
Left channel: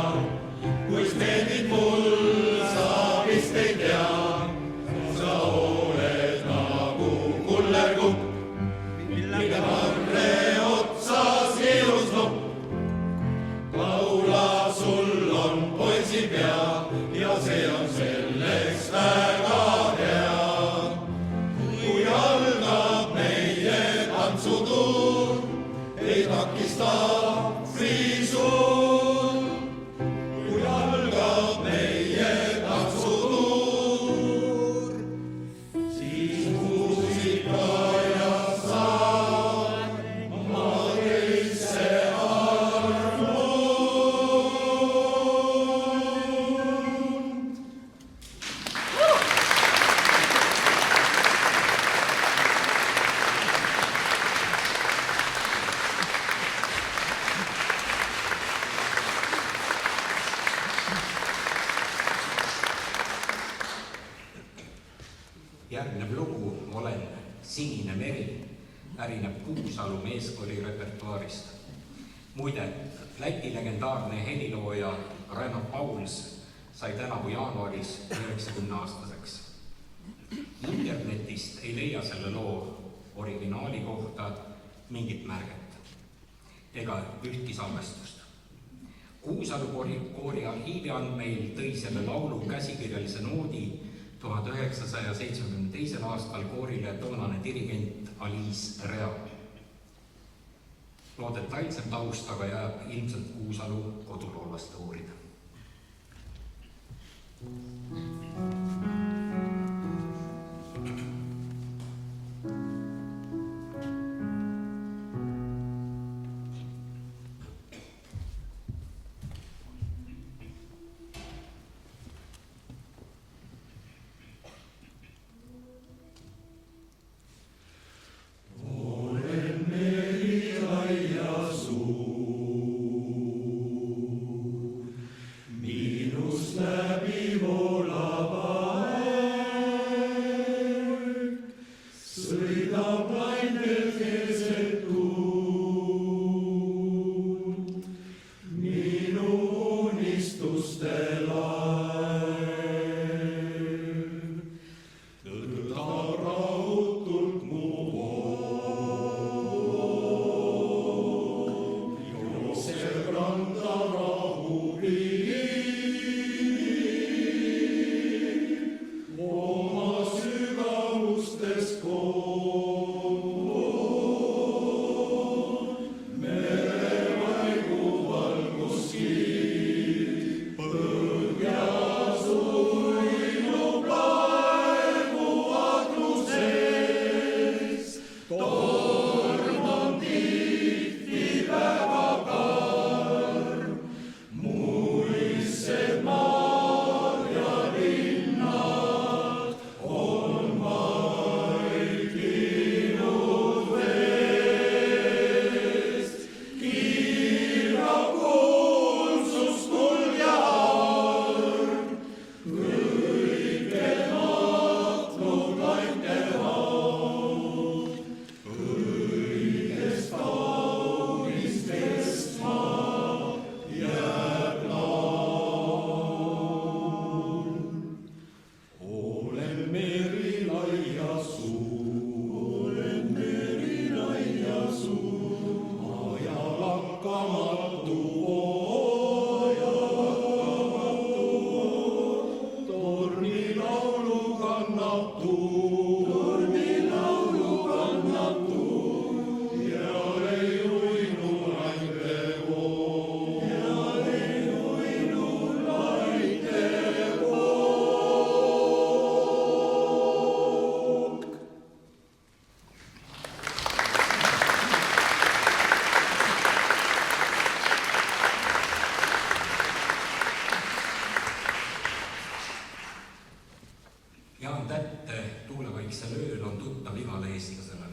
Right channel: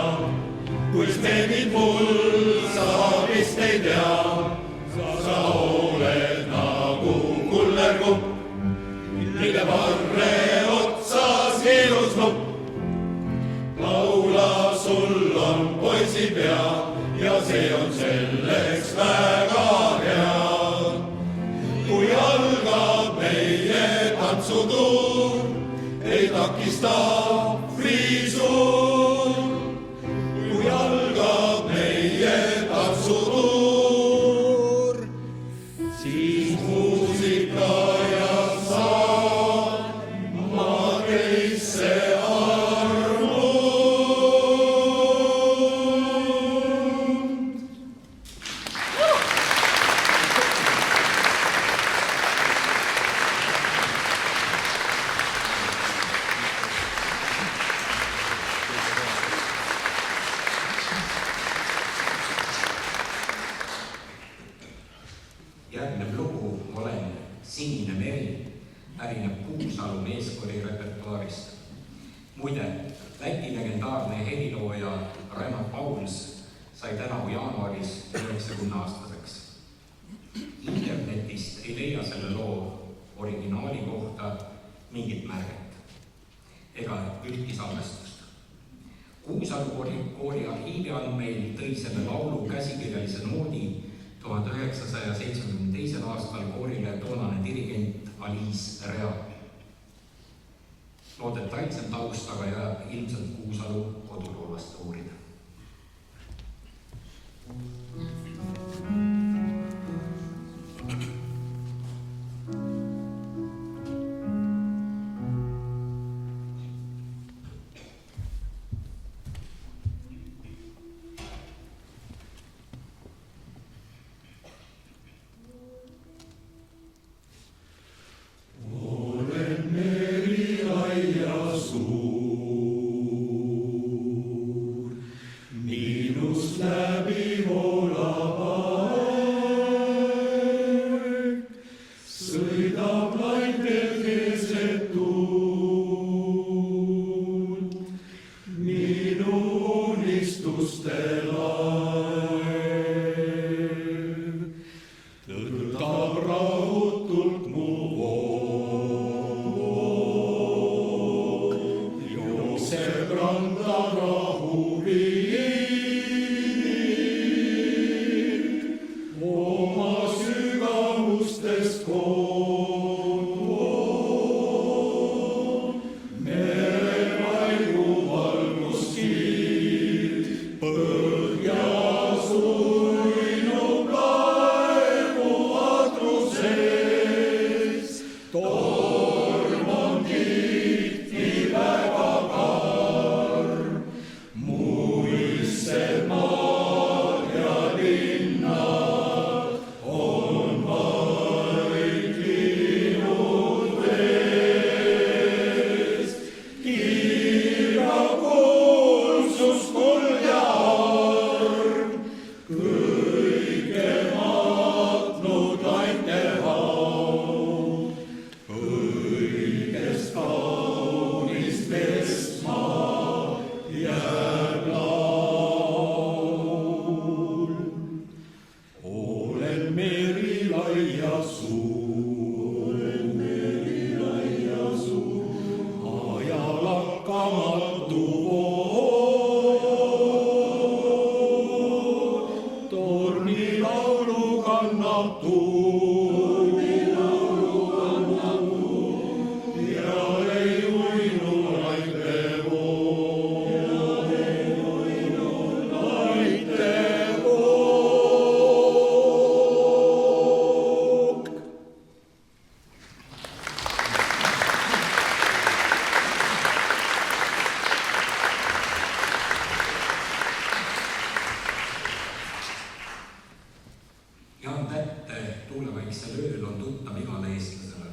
kuis meeldib mul, sa vist ei tea. Sa oled nagu kullerkupp, mille varre otsas keelusnupp. Laula, sul on poisipea ja see on selleks väga hea. Kui algab meie tantsutuur, ei takista friisuur. Kui algab meie tantsutuur, siis muusika ja saal maakeisse armub. Järgnev lugu Olen sinine meri pärineb Kuusalu meeskoori repertuaarist. Muide, Läti legendaarne helilooja Raimo Pauls sai tänavu jaanuaris 90-aastaseks. Internetist ei leia selle loo originaali kohta mingit märget ega ühtki salvestust. Kuusalu koori arhiivi andmeil tõi selle laulu käsikirjalise noodi 1972. aastal koorile toonane dirigent Alice Rea. Loo detailsem taust aga jääb ilmselt Kuusalu koduloolaste uurida. Tuulevaikse ööl on tuttav igale eestlasele.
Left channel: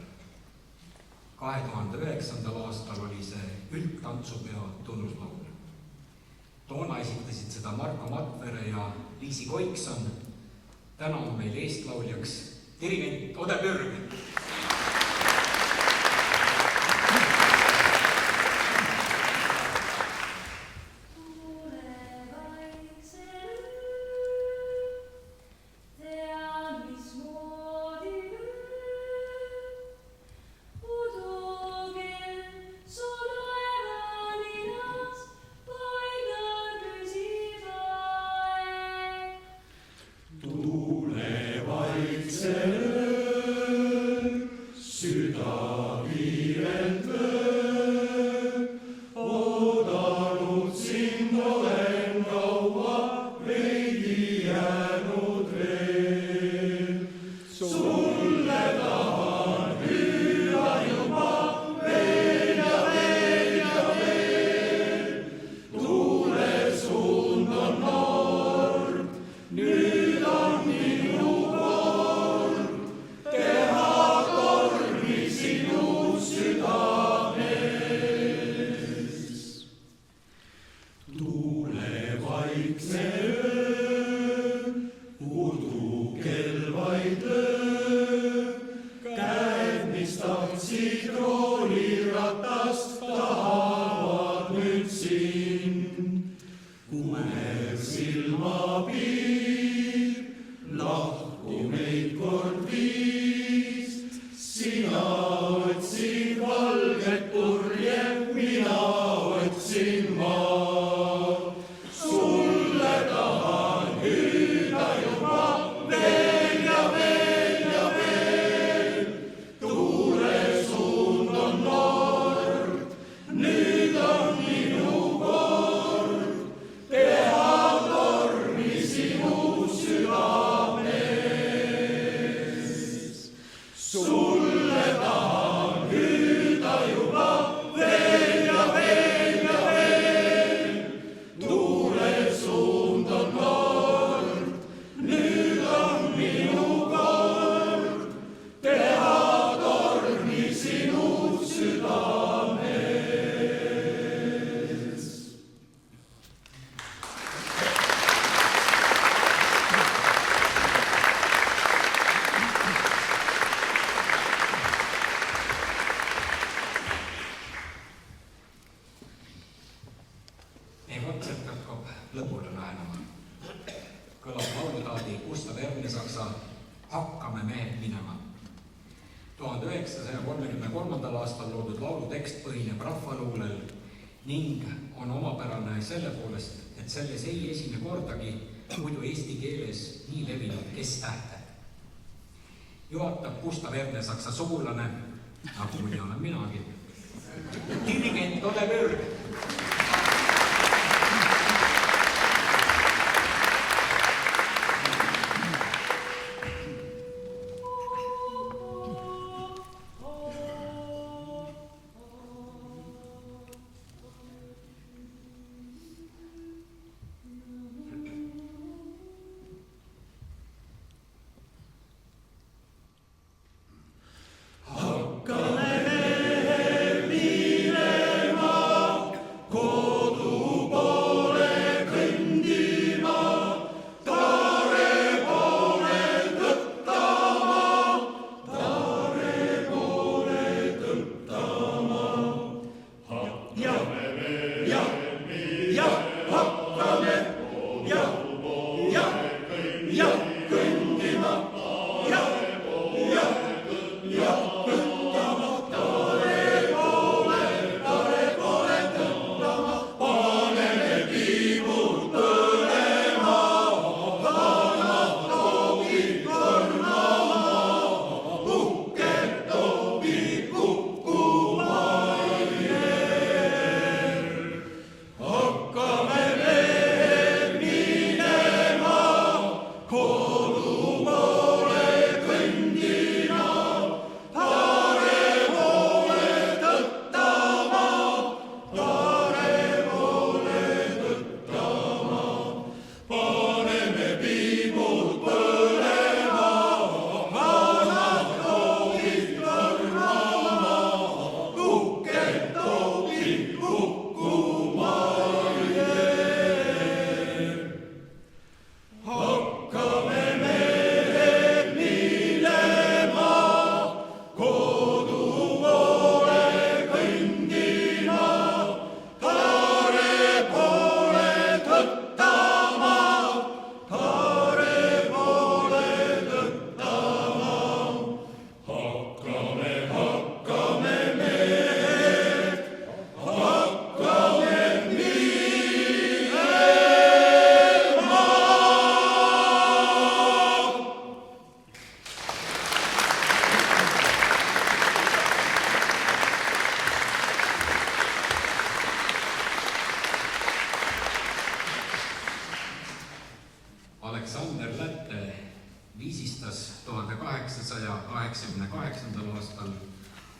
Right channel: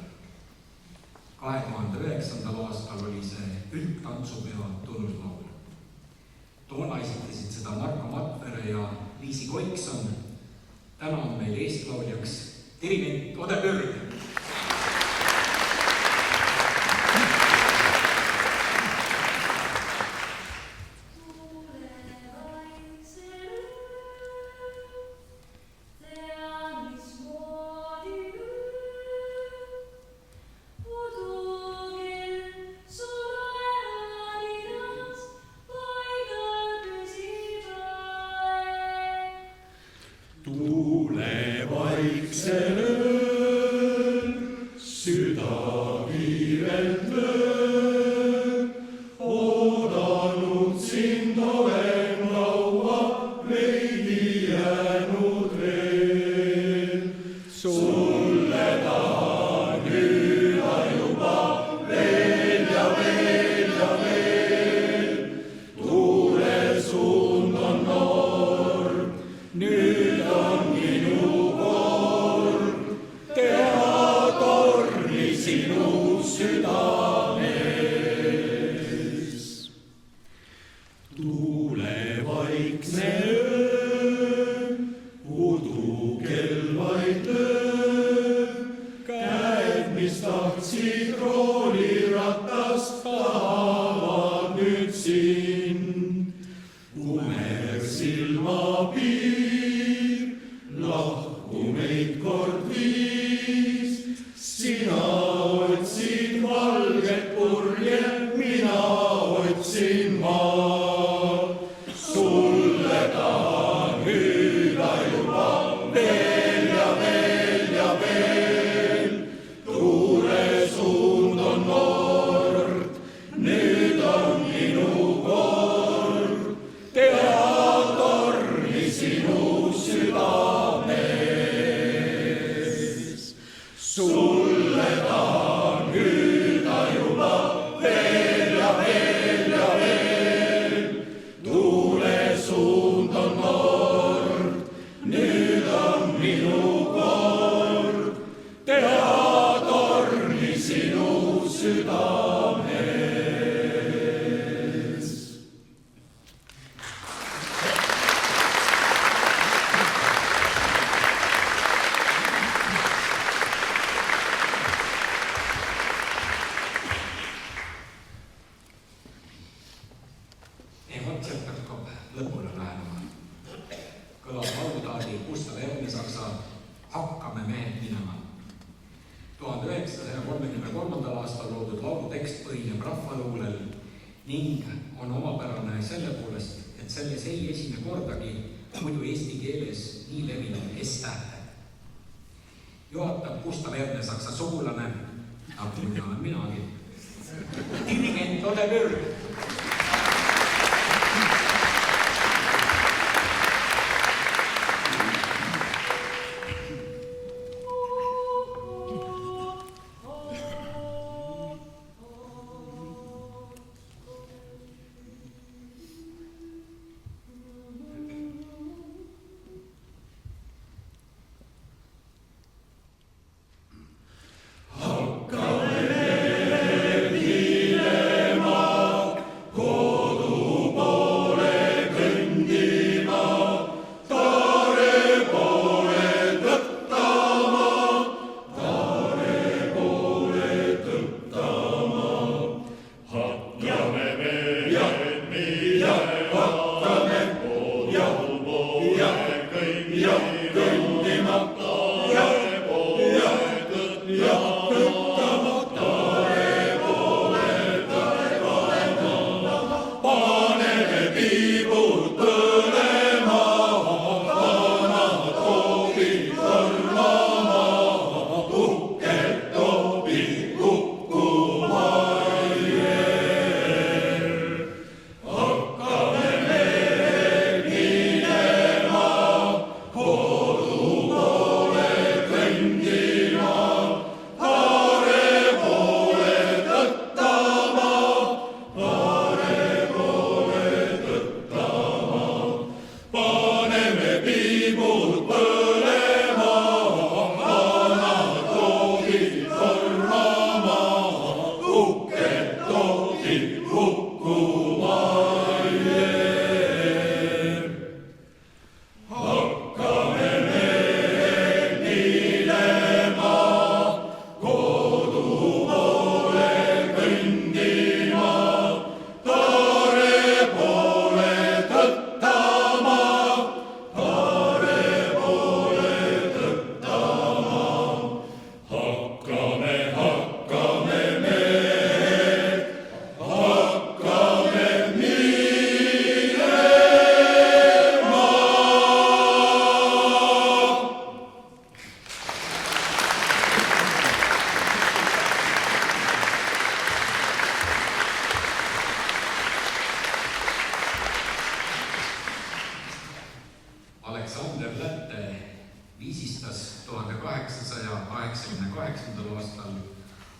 2009. aastal oli see üldtantsupeo tunnuslaul. Toona esitasid seda Marko Matvere ja Liisi Koikson. Täna on meil eestlauljaks dirigent Ode Pürg. 1933. aastal loodud laulu tekst põhineb rahvaluulel ning on omapärane selle poolest, et selles ei esine kordagi muidu eesti keeles nii levinud S-tähte. Juhatab Gustav Ernesaksa sugulane, nagu muidu olen minagi, dirigent Ole Mürg. Aleksander Lätte viisistas 1888. aastal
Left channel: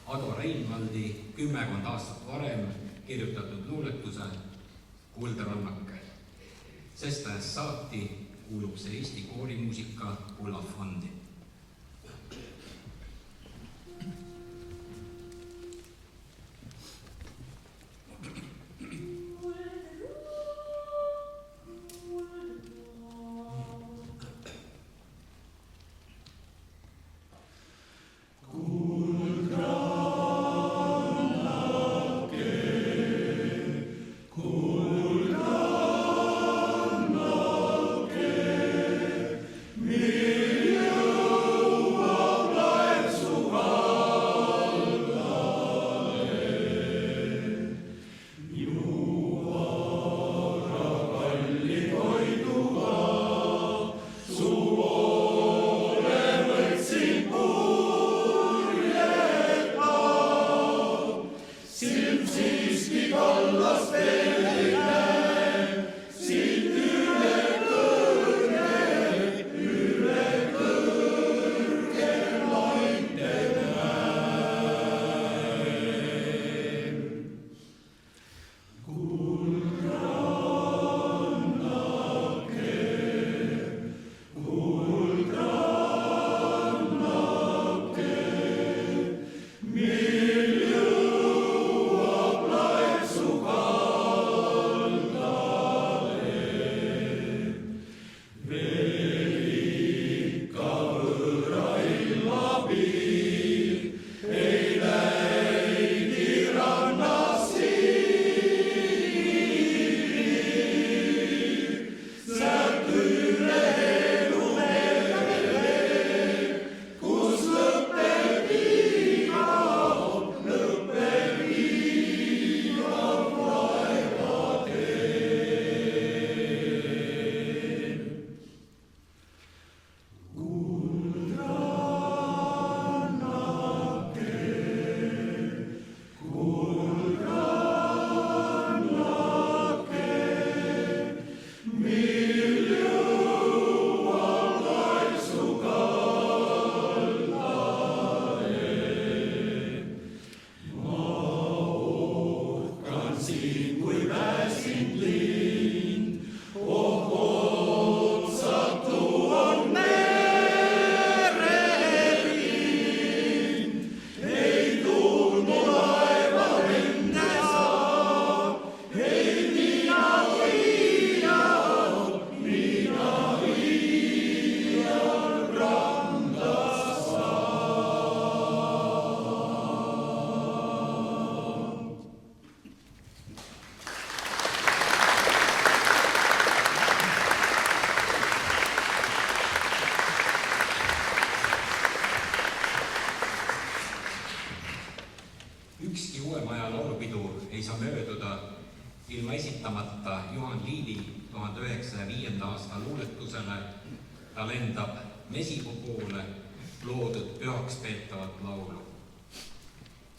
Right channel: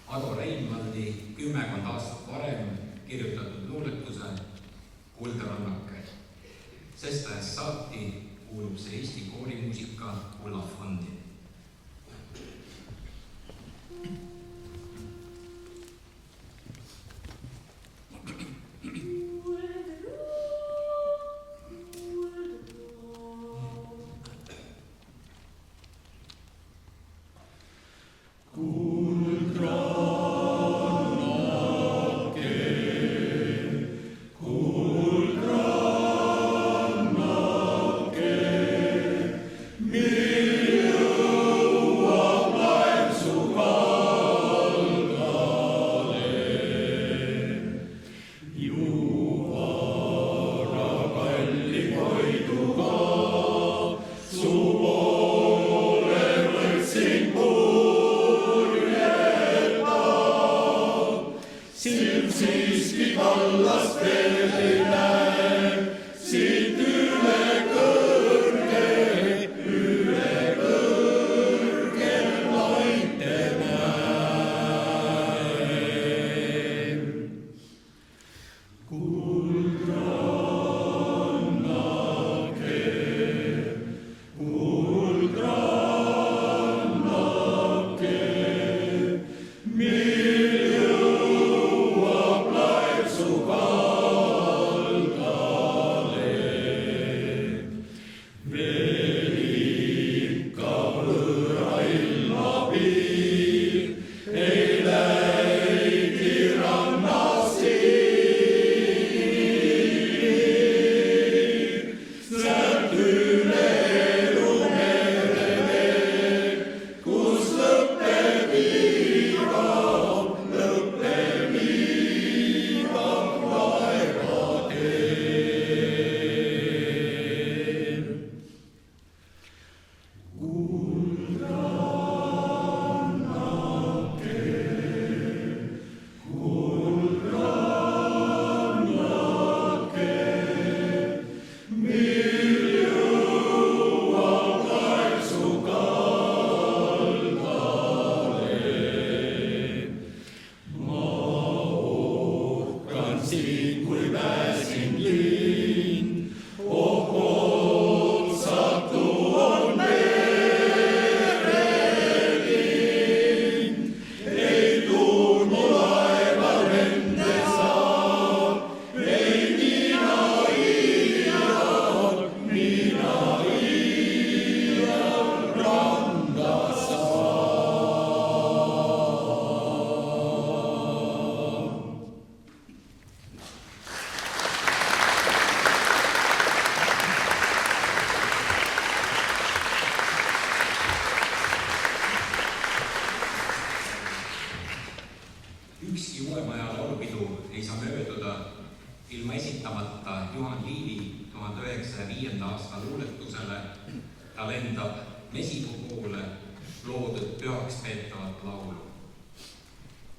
Ado Reinmaldi 10 aastat varem kirjutatud luuletuse Kuldrannake. Sest ajast saati kuulub see Eesti koorimuusika kullafondi. You Ükski Uuemaja laulupidu ei saa mööduda ilma esitamata Juhan Liivi 1905. aasta luuletusele Ta lendab mesipuu poole loodud pühaks peetavat laulu.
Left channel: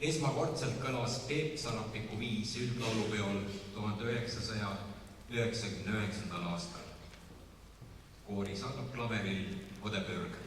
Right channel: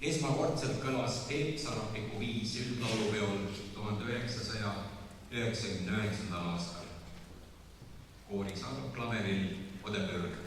Esmakordselt kõlas Peep Sarapiku viis üldlaulupeol 1999. aastal. Koori saadab klaveril Odepürg.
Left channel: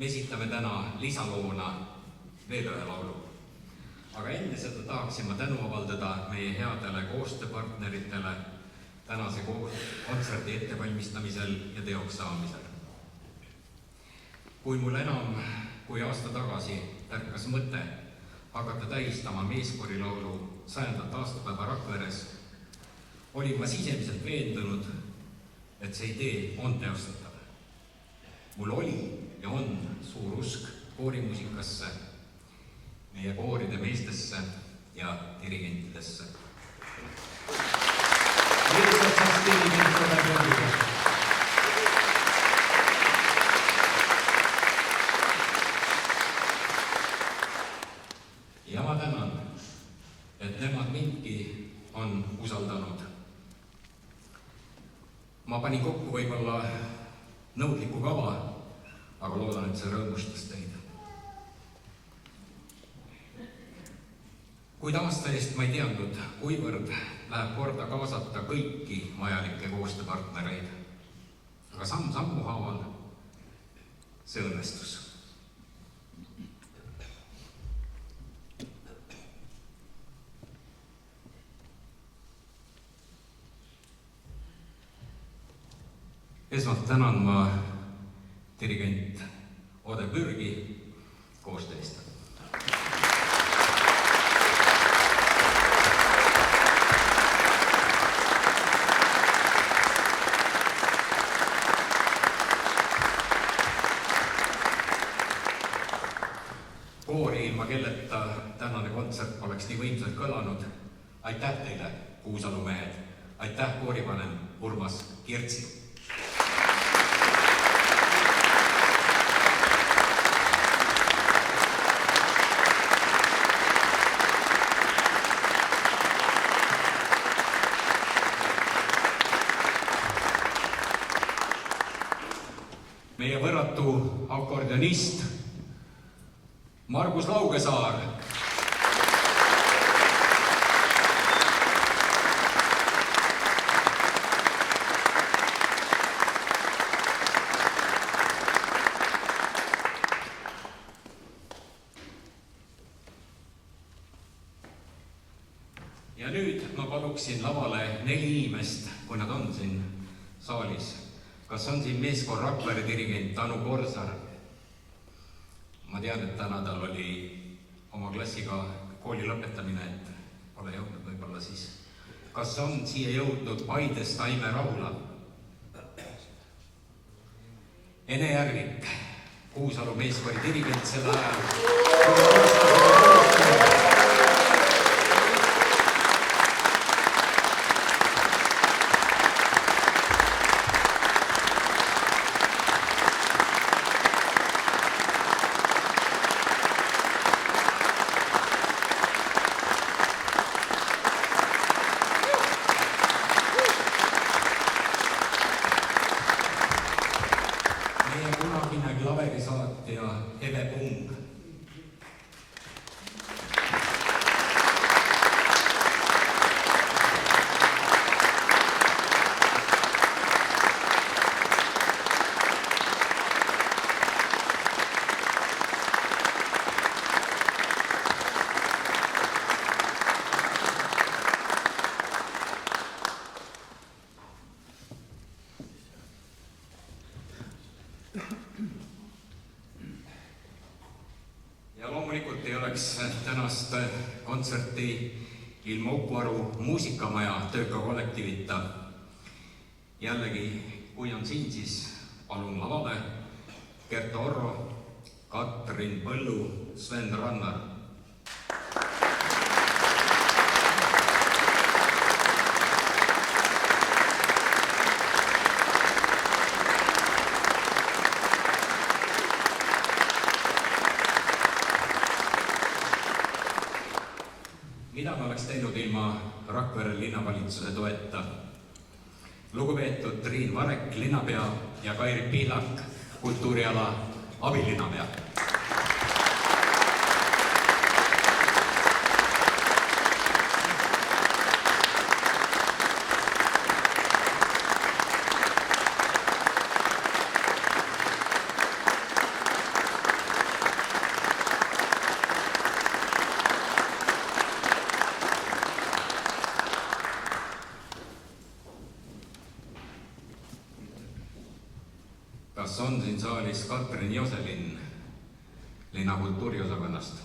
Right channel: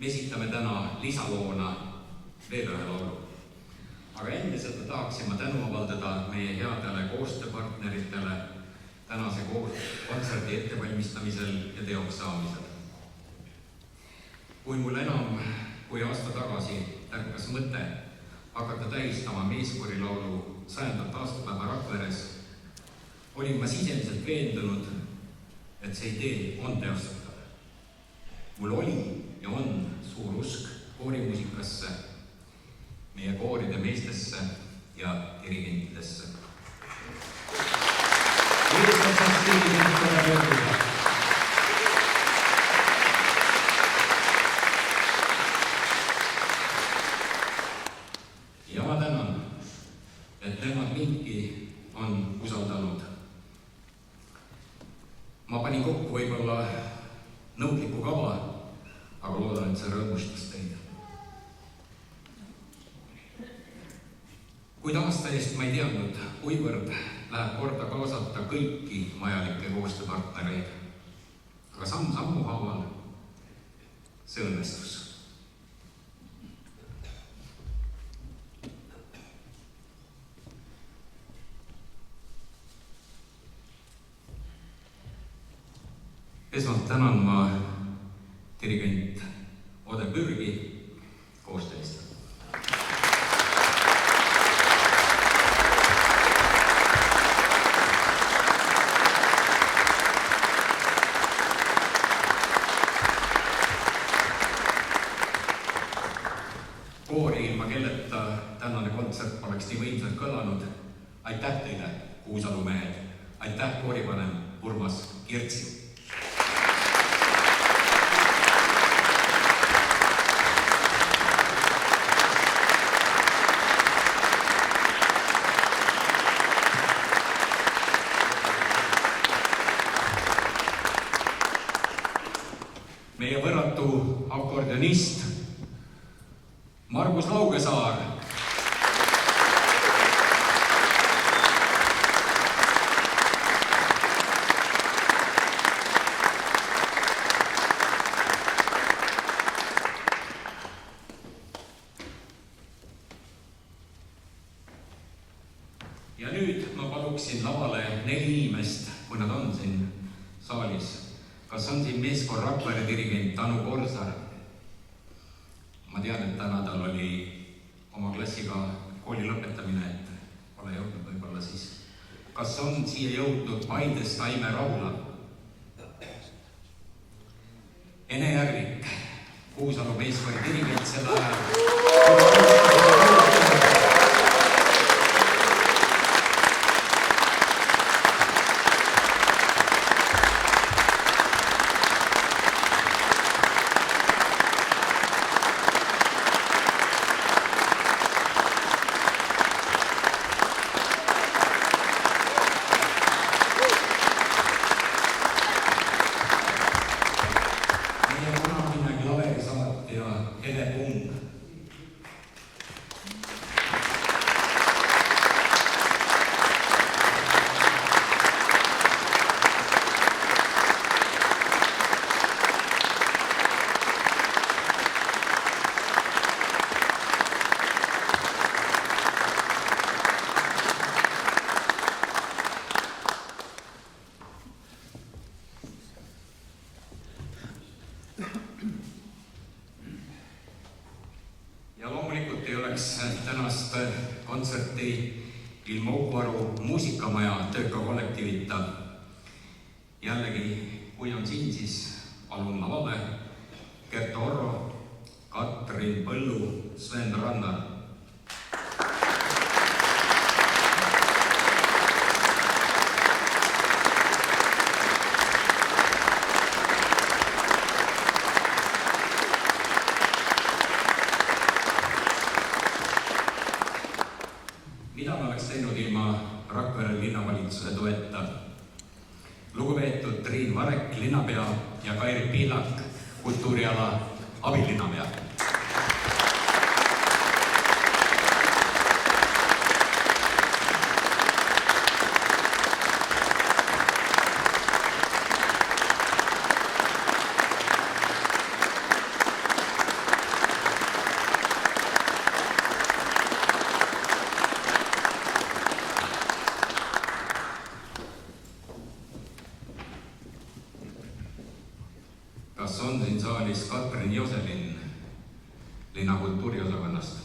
Me esitame täna lisaloona veel ühe laulu. Aga enne seda tahaksin ma tänu avaldada meie headele koostööpartneritele tänase kontserdi ettevalmistamisel ja teoks saamisel. Kui mul enam kui aasta tagasi tärkas mõte hakata tähistama meeskorilaulu 100. aastapäeva Rakveres, olin ma sisemiselt veendunud, et see idee on teostatav. Mul oli ja on suur usk koorimuusikasse, meie kooride meestesse ja dirigentidesse. Ja ma tänan, et nemad mindki on usaldanud. Ma panin kokku võib-olla nõudliku kava, aga loodan, et see rõõmustas teid. Kuid aasta eest ma ei teadnud, kuivõrd läheb korda kaasata kõiki vajalikke koostööpartnereid. Aga samm-sammu haaval see õnnestus. Esmalt tänan ma dirigent Ode Pürgi koostöö eest. Koori, ilma kelleta tänane kontsert oleks nii võimsalt kõlanud. Aitäh teile, Kuusalu mehed. Aitäh koorivanem Urmas Kirtsi. Meie võrratu akordionist Margus Laugesaar. Ja nüüd ma paluksin lavale 4 inimest, kui nad on siin saalis. Kas on siin meeskoor Rakvere dirigent Anu Korsar? Ma tean, et täna tal oli oma klassiga kooli lõpetamine, et pole jõudnud võib-olla siis. Kas on siia jõudnud Paidest Aime Rahula? Ene Järvik, Kuusalu meeskoori dirigent sel ajal. Tänast kontserti ilma Ukvaru muusikamaja tööka kollektiivita. Jällegi, kui on siin, siis palun lavale Gert Orro, Katrin Põllu, Sven Rannar. Mida me oleks teinud ilma Rakvere linnavalitsuse toeta? Lugupeetud Triin Varek, linnapea, ja Kairi Pihlak, kultuuriala abilinnapea. Kas on siin saalis Katrin Joselin linna kultuuriosakonnast?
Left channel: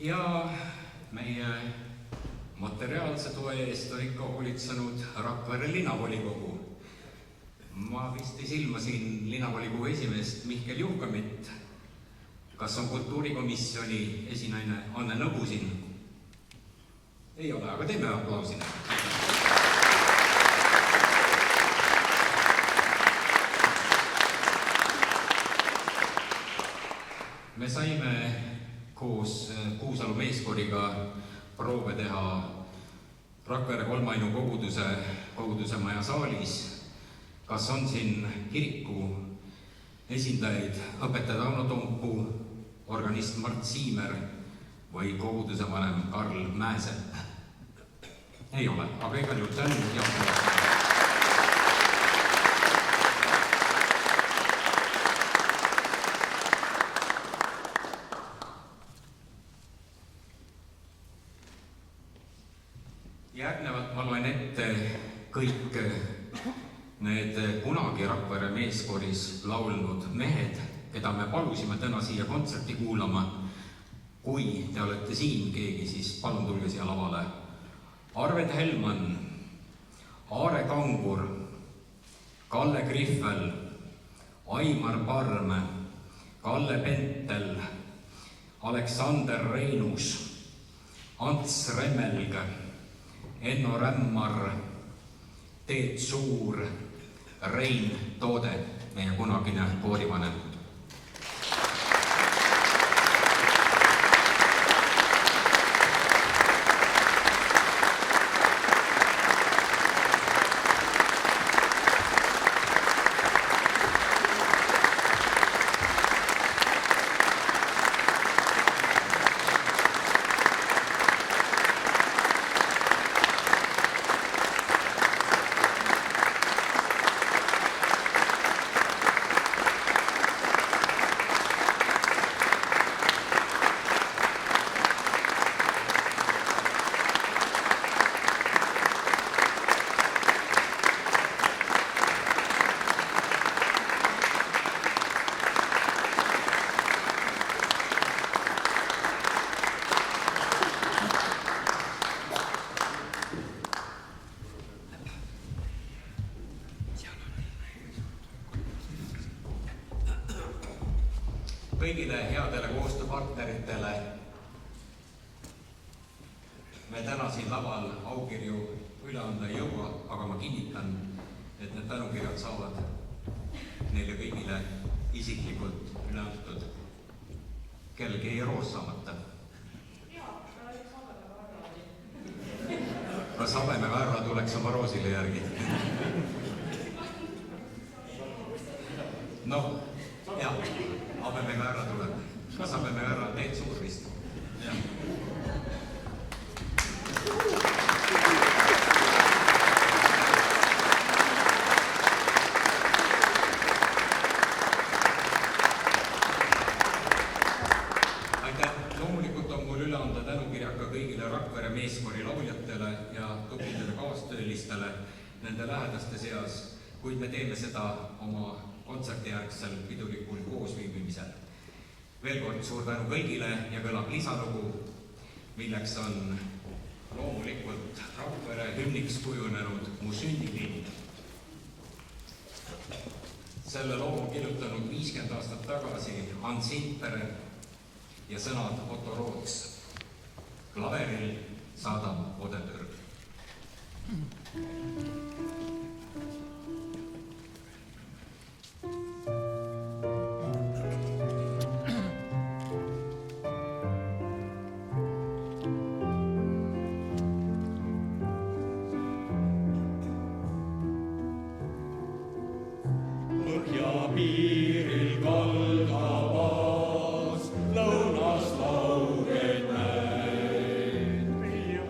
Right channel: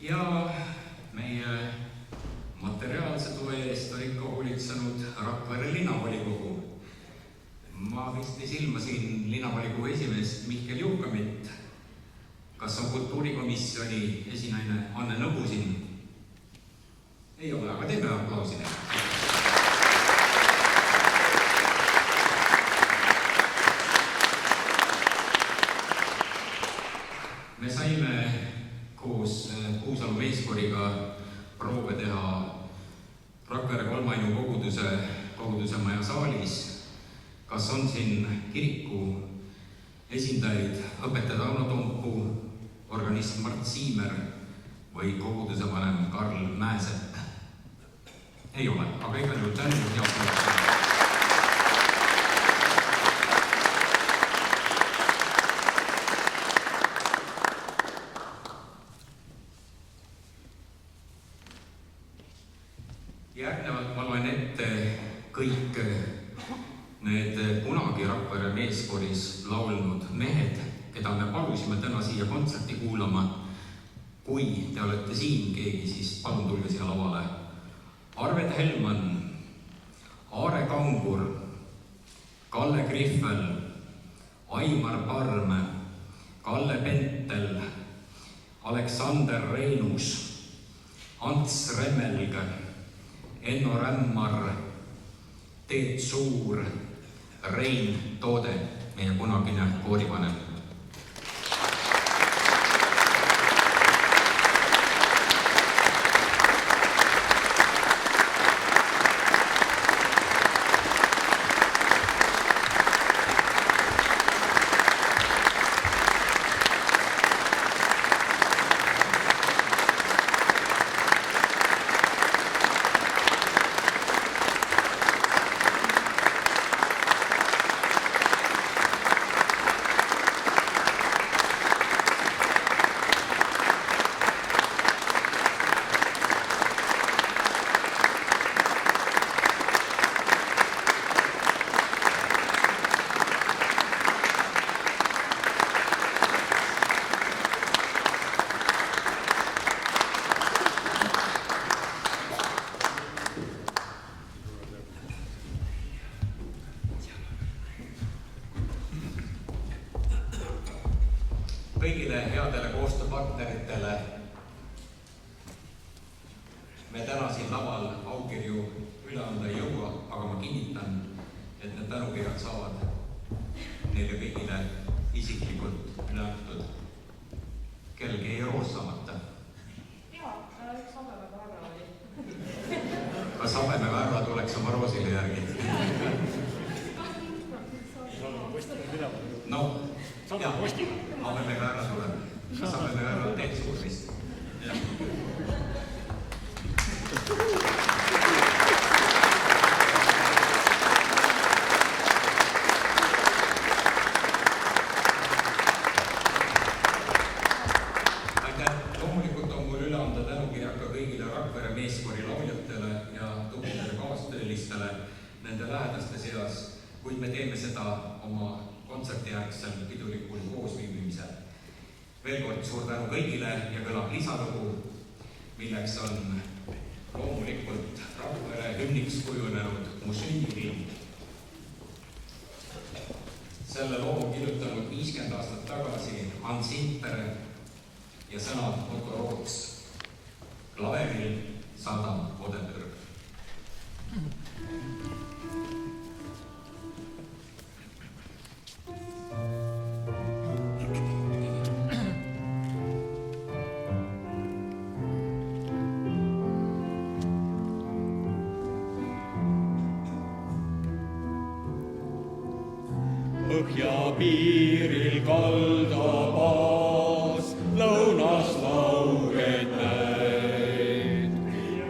Ja meie materiaalse toe eest on ikka hoolitsenud Rakvere linnavolikogu. Ma visti silma siin linnavolikogu esimeest Mihkel Juhkamit. Kas on kultuurikomisjoni esinaine Anne Nõbu siin? Ei ole, aga teeme aplausile. Me saime koos Kuusalu meeskoriga proove teha Rakvere kolmainu koguduse maja saalis. Kas on siin kiriku esindajaid, õpetaja Tauno Toompu, organist Mart Siimer või koguduse vanem Karl Mäesepp? Ei ole, aga igal juhul tänu ja järgnevalt ma loen ette kõik need kunagi Rakvere meeskoris laulnud mehed, keda me palusime täna siia kontserti kuulama. Kui te olete siin keegi, siis palun tulge siia lavale. Arved Helman, Aare Kangur, Kalle Griffel, Aimar Parme, Kalle Pentel, Aleksander Reinus, Ants Remmelg, Enno Rämmar, Teet Suur, Rein Toode, meie kunagine koorivanem. Kõigile headele koostööpartneritele me täna siin laval aukirju üle anda ei jõua, aga ma kinnitan, et need tänukirjad saavad neile kõigile isiklikult üle antud. Kellelgi ei roos saamata. Kas Habeme Väärla tuleks oma roosile järgi? No, jah. Habeme Väärla tuleb. Kas Habeme Väärla Teet Suur vist? Jah. Aitäh! Loomulikult on mul üle anda tänukirjaka kõigile Rakvere meeskori lauljatele ja tublidele kaastöölistele nende lähedaste seas, kuid me teeme seda oma kontsertijärgsel pidulikul koosviibimisel. Veel kord suur tänu kõigile ja kõlab lisalugu, milleks on loomulikult Rakvere hümniks kujunenud Mu sünnilind. Selle loo on kirjutanud 50 aastat tagasi Hans Sintpere ja sõnad Otto Roots. Klaveril saadab Odepürg. Piiril kaldabaas, lõunas lauged näed,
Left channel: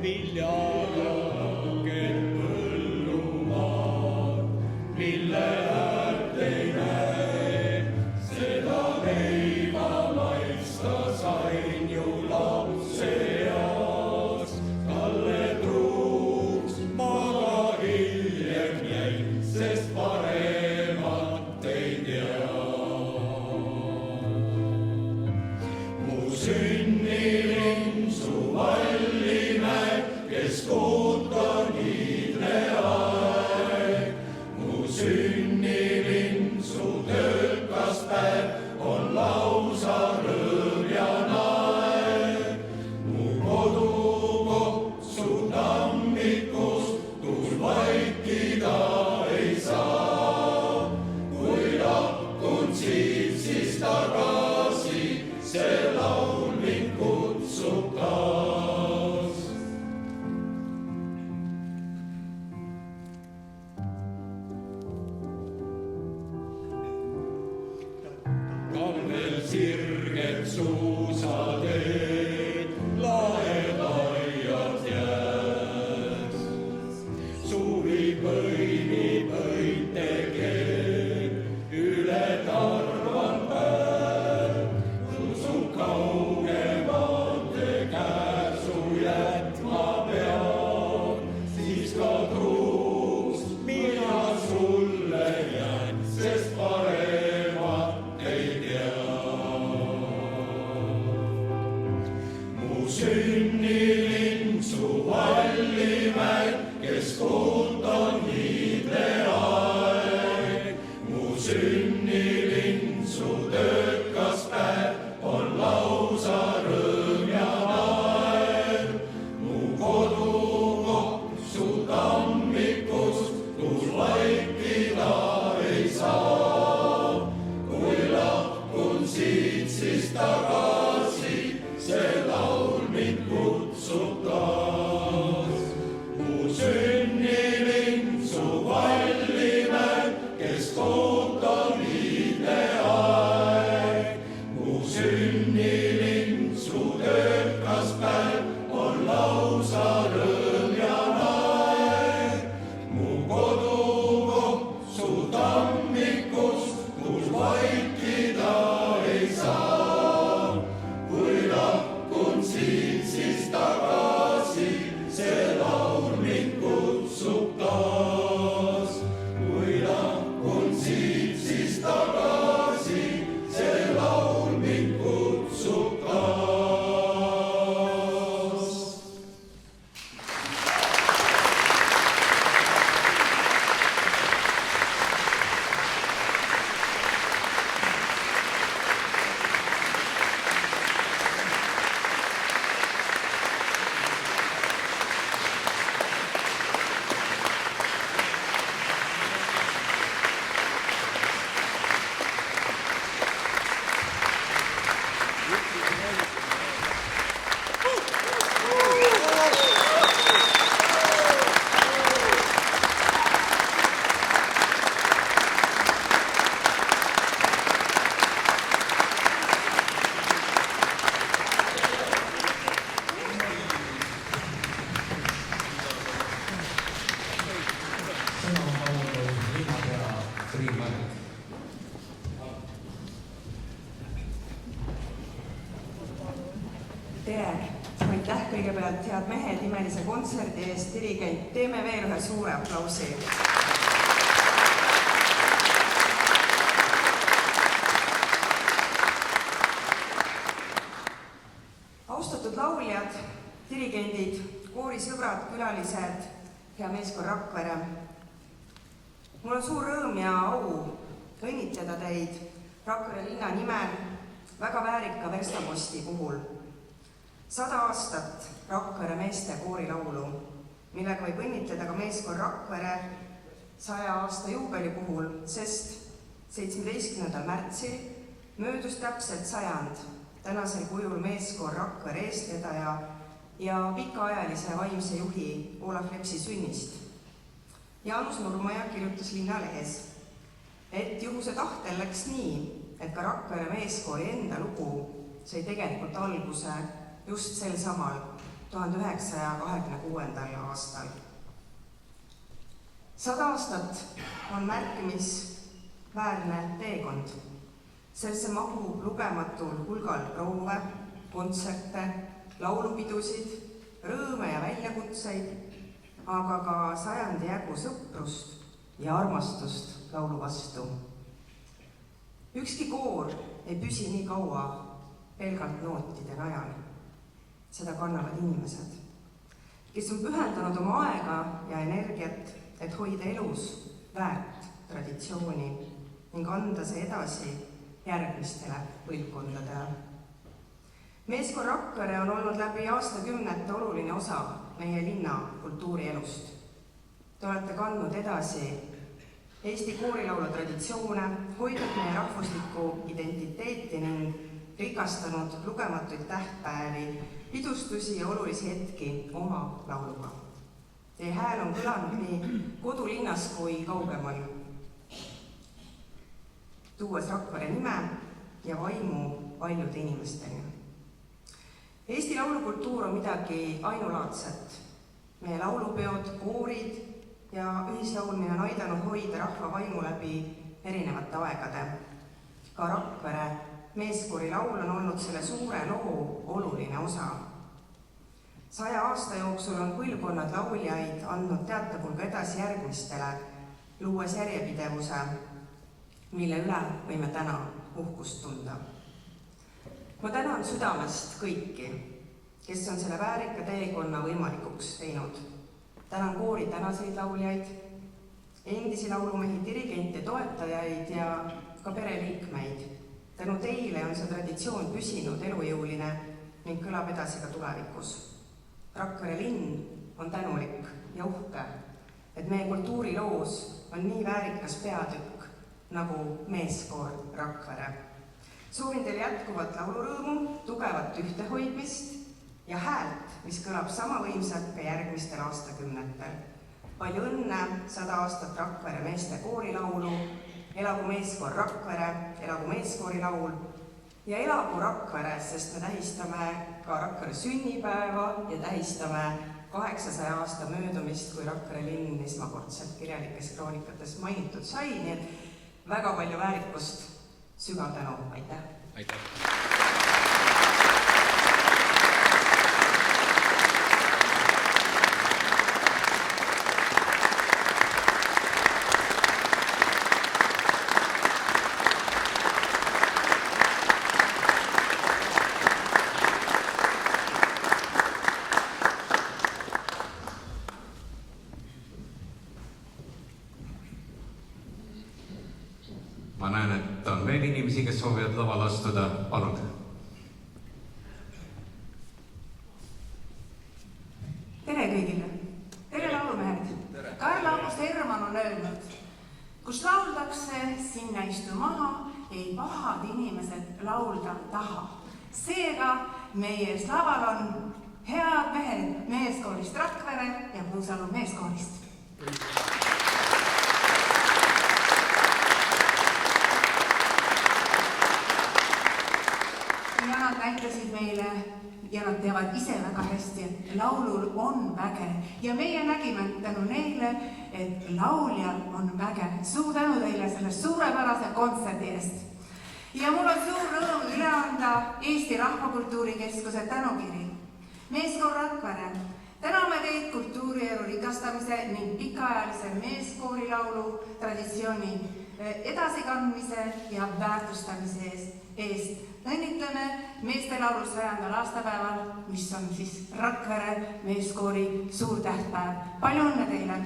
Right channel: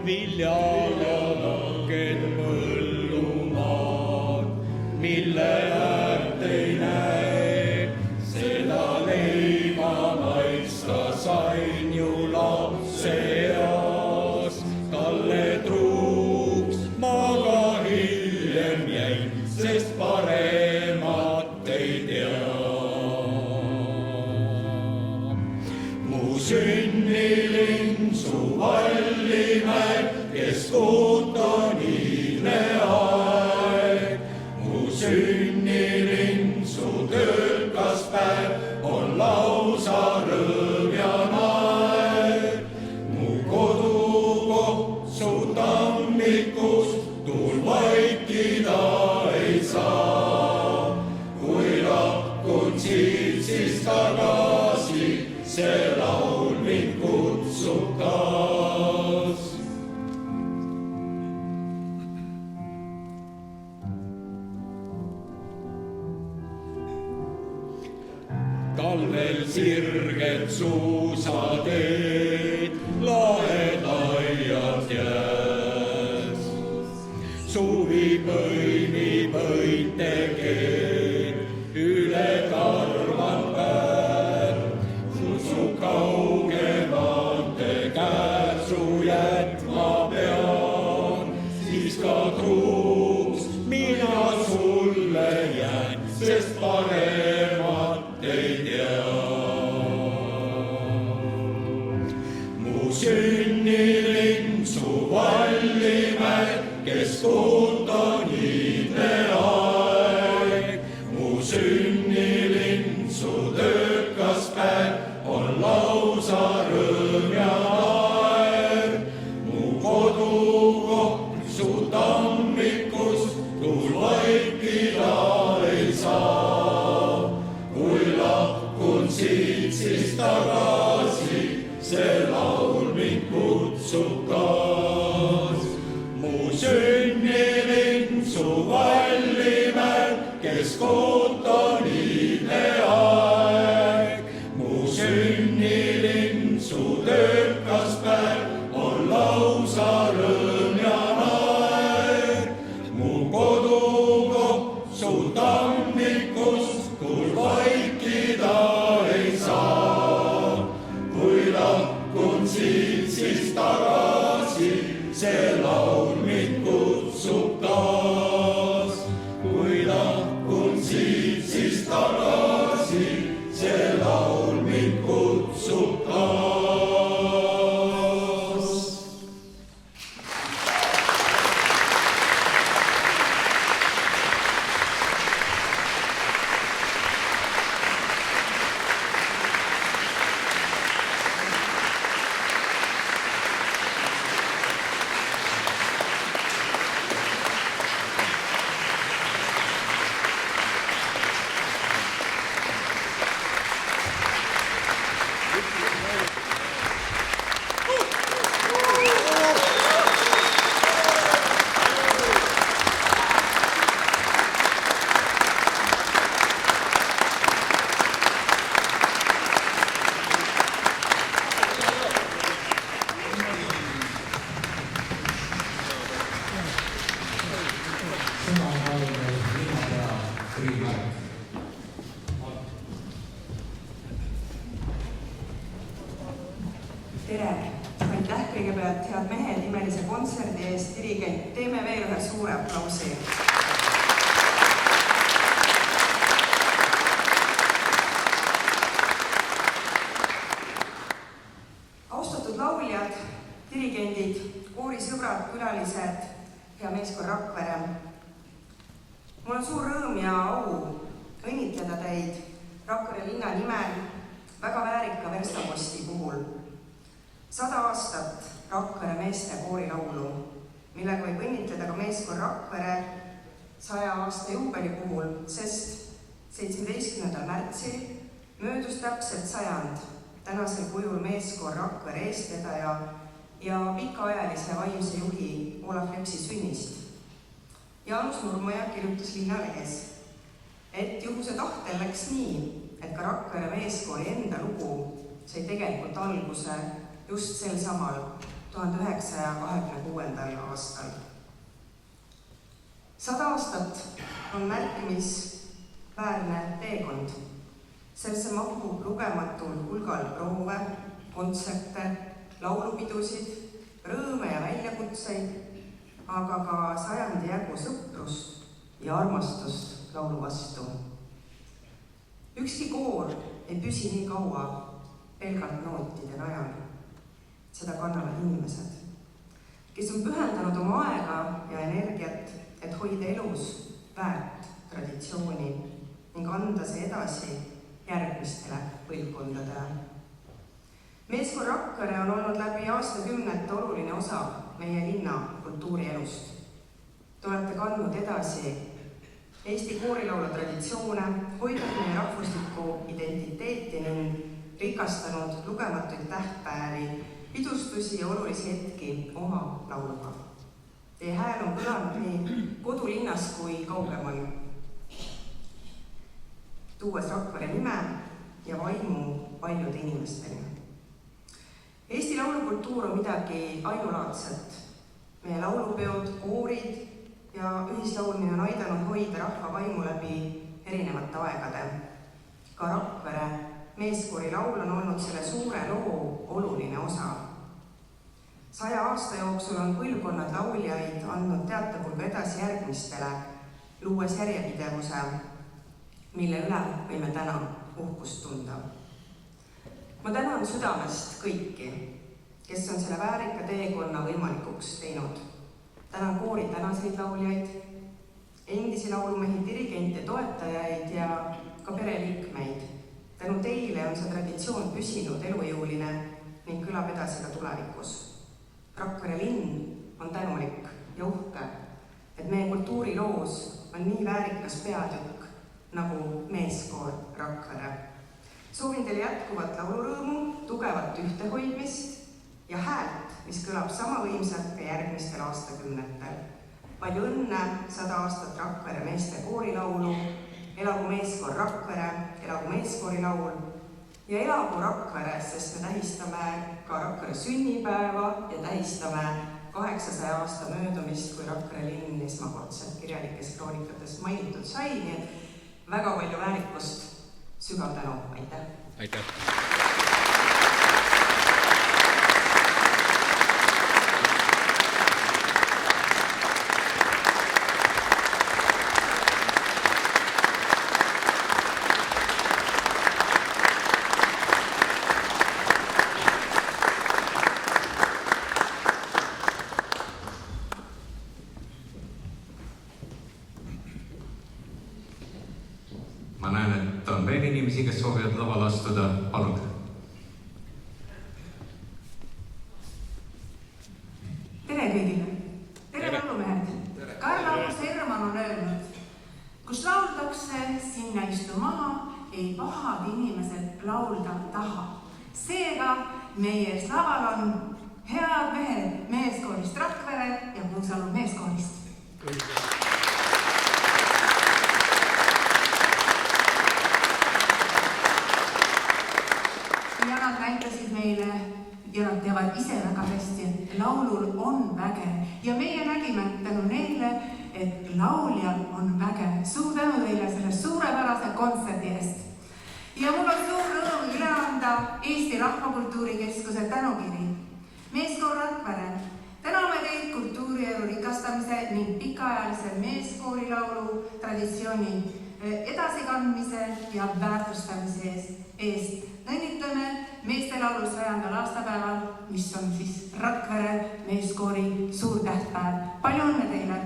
viljad ja lanked põllumaad, mille äärt ei näe, seda leiva maitsa sain ju lapse eas, talle truuks ma ka hiljem jäin, sest paremat ei tea. Mu sünnilind su Vallimäe, kes ootab ilme aeg. Mu sünnilind su töökas päev on lausa rõõm ja naer. Mu kodukoht su tammikus tuul vaikida ei saa. Kui lahkud siit, siis tagasi see suusateed lahed aiad jääs. Suuri põimipõite keel üle karvan päev, su kaugemate käsu jätma pean, siis ka truuks mina sulle jään, sest paremat ei tea. Mu sünnilind su Vallimäe, kes ootab niideaeg. Mu sünnilind su töökas päev on lausa rõõm ja aeg. Mu kodukoht su tammikust tuul vaikida ei saa. Kui lahkun siit, siis tagasi see laul mind kutsub taas. Mu sünnilind su Vallimäe, kes ootab niideaeg. Mu sünnilind su töökas päev on lausa rõõm ja aeg. Mu kodukoht su tammikust tuul vaikida ei saa. Kui lahkun siit, siis tagasi see laul mind kutsub taas. Kui lahkun siit, siis tagasi see laul mind kutsub taas. Tere! Aitäh kõigepealt head mehed nimelise kontserdi eest, dirigent, teeme veel ühe suure aplausi. Austatud lauljad, dirigendid, koorisõbrad, külalised, hea meeskond Rakvere. Mul on suur rõõm ja au õnnitleda teid Rakvere linna nimel väga väärika verstaposti puhul. 100 aastat Rakvere meeste koorilaulu, millega võib õnnitleda ka meeskond Rakvere 100 aasta juubeli puhul, sest 17. märtsil möödus täpselt 100 tänasel kujul meeskond Rakvere eestvedaja ja pikaajalise vaimse juhi Olav Lepsi sünnist. Jaanus Nurmaja kirjutas Linnalehes, et juhuse tahtel läks nii, et ka Rakvere meeskoori enda lugu sai tegelikult alguse just sel samal 1926. aastal. 100 aastat on märkimisväärne teekond. Sellesse mahub lugematul hulgal proove, kontserte, laulupidusid, rõõme ja väljakutseid, aga ka 100 jagu sõprust ja armastust laulu vastu. Ükski koor ei püsi nii kaua pelgalt nootide najal. Seda kannavad inimesed, kes on pühendanud oma aega ja energiat, et hoida elus väärt traditsiooni ning anda see edasi järgmistele põlvkondadele. Meeskond Rakvere on olnud läbi aastakümnete oluline osa meie linna kultuurielust. Te olete kandnud edasi Eesti koorilaulu traditsioone, hoidnud meie rahvuslikku identiteeti ning rikastanud lugematuid tähtpäevi, pidustusi ja olulisi hetki oma lauluga. Teie hääl on kõlanud nii kodulinnas kui kaugemal, tuues Rakvere nime ja vaimu paljude inimeste inimesteni. Eesti laulukultuur on midagi ainulaadset. Meie laulupeod, koorid ja ühislaulmine on aidanud hoida rahva vaimu läbi erinevate aegade. Ka Rakvere meeskoori laul on olnud selle suure loo oluline osa. 100 aasta jooksul on põlvkonnad lauljaid andnud teatepulga edasi järgmistele, luues järjepidevuse, mille üle võime täna uhkust tunda. Ma tänan südamest kõiki, kes on selle väärika teekonna võimalikuks teinud. Tänan koori tänaseid lauljaid, endisi laulumehi, dirigente, toetajaid ja ka pereliikmeid. Tänu teile on see traditsioon püsinud elujõuline ning kõlab edasi ka tulevikus. Rakvere linn on tänulik ja uhke, et meie kultuuriloos on nii väärikas peatükk nagu meeskoor Rakvere. Soovin teile jätkuvat laulurõõmu, tugevat ühtehoidmist ja häält, mis kõlab sama võimsalt ka järgmistel aastakümnetel. Palju õnne 100 aastat Rakvere meeste koorilaulu, elagu meeskoor Rakvere, elagu meeskoori laul ja elagu Rakvere, sest me tähistame ka Rakvere sünnipäeva ja tähistame 800 aasta möödumist, kui Rakvere linn esmakordselt kirjalikes kroonikates mainitud sai, nii et väga palju väärikust, sügav tänu, aitäh! Aitäh! Ma näen, et on veel inimesi, kes soovivad laval astuda. Palun. Tere kõigile. Tere laulumehed. Karl August Hermann on öelnud, kus lauldakse, sinna istu maha, ei pahad inimesed laulda taha. Seega meie ees laval on head mehed meeskoorist Rakvere ja Kuusalu meeskoorist. Ja nad näitasid meile ja nad teavad ise väga hästi, et laulul on väge ja meie nägime tänu neile, et lauljal on väge. Suur tänu teile selle suurepärase kontserdi eest. Ja mul on suur rõõm üle anda Eesti Rahvakultuuri Keskuse tänukiri. Meeskoor Rakvere, täname teid kultuurielu rikastamise ning pikaajalise meeskoorilaulu traditsiooni edasikandmise ja väärtustamise eest. Õnnitleme meestelaulu 100. aastapäeval, mis on siis Rakvere meeskoori suur tähtpäev. Palju õnne teile!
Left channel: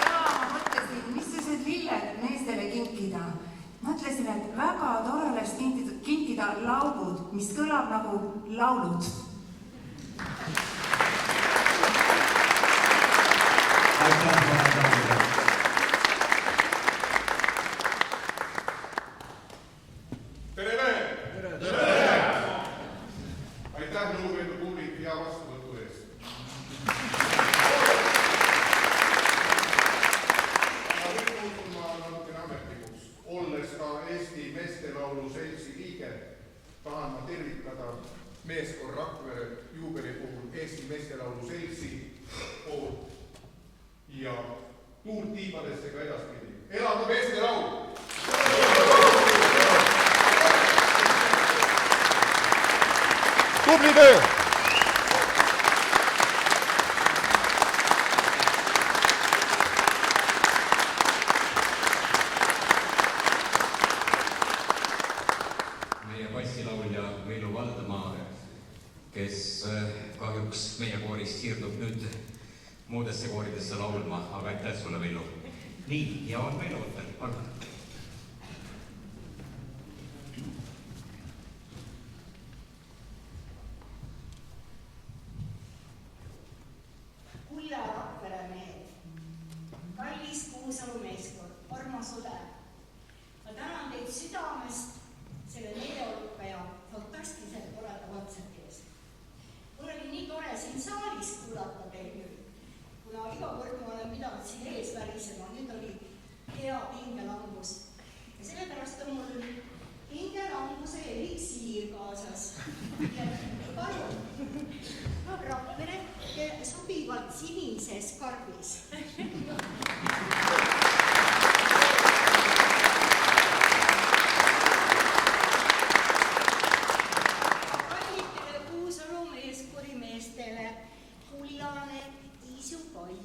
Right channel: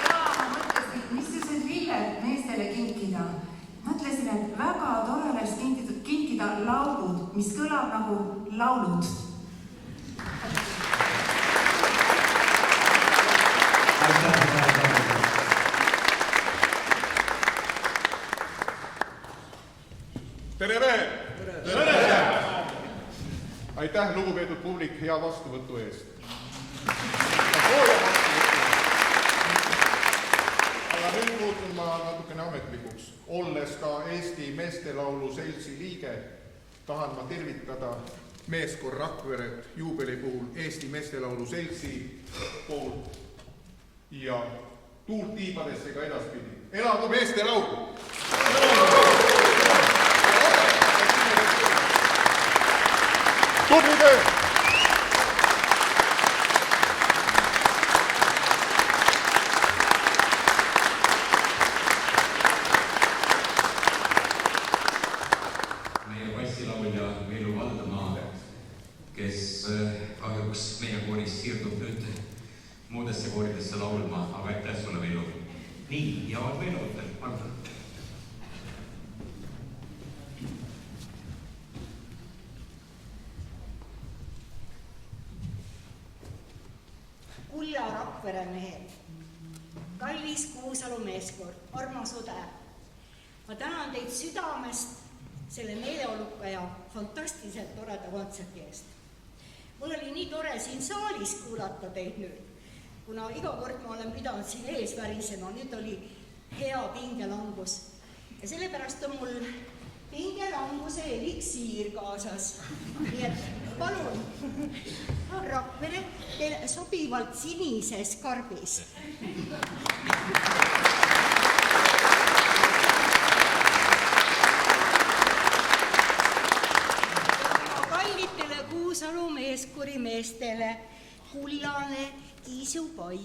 Ja ma mõtlesin, missugused lilled meestele kinkida. Mõtlesin, et väga tore oleks kinkida laulud, mis kõlab nagu laulud. Tere mehed! Aitäh, lugupeetud publik, hea vastuvõtu eest. Aga nüüd muutun ma natukene ametlikuks. Olles ka Eesti meestelaulu seltsi liige, tahan ma tervitada meeskoor Rakveret juubeli puhul Eesti meestelaulu seltsi poolt ja tuult tiibadesse ka edaspidi. Elagu meestelaul! Tubli töö! Meie bassilaulja Veilu Valdamaa, kes kahjuks meie koorist siirdub nüüd muudesse kooridesse laulma, aga aitäh sulle, Veilu. Nii, ja on veel ootel, palun. Kulla Rakvere mehed, kallis Kuusalu meeskoor, armas õde. Ma tänan teid südamest selle meeleoluka ja fantastiliselt toreda kontserdi eest. Mul oli nii tore siin saalis tarvis kuulata teid nüüd, kuna iga kord ma olen pidanud siin ees värisema, nüüd oli hea pingelangus. Ja sellepärast on mul pingelanguse eliksiir kaasas. Nii et palun, Rakvere, teile sobivalt sinises karbis. Kallitele Kuusalu meeskori meestele kullane Iisupai.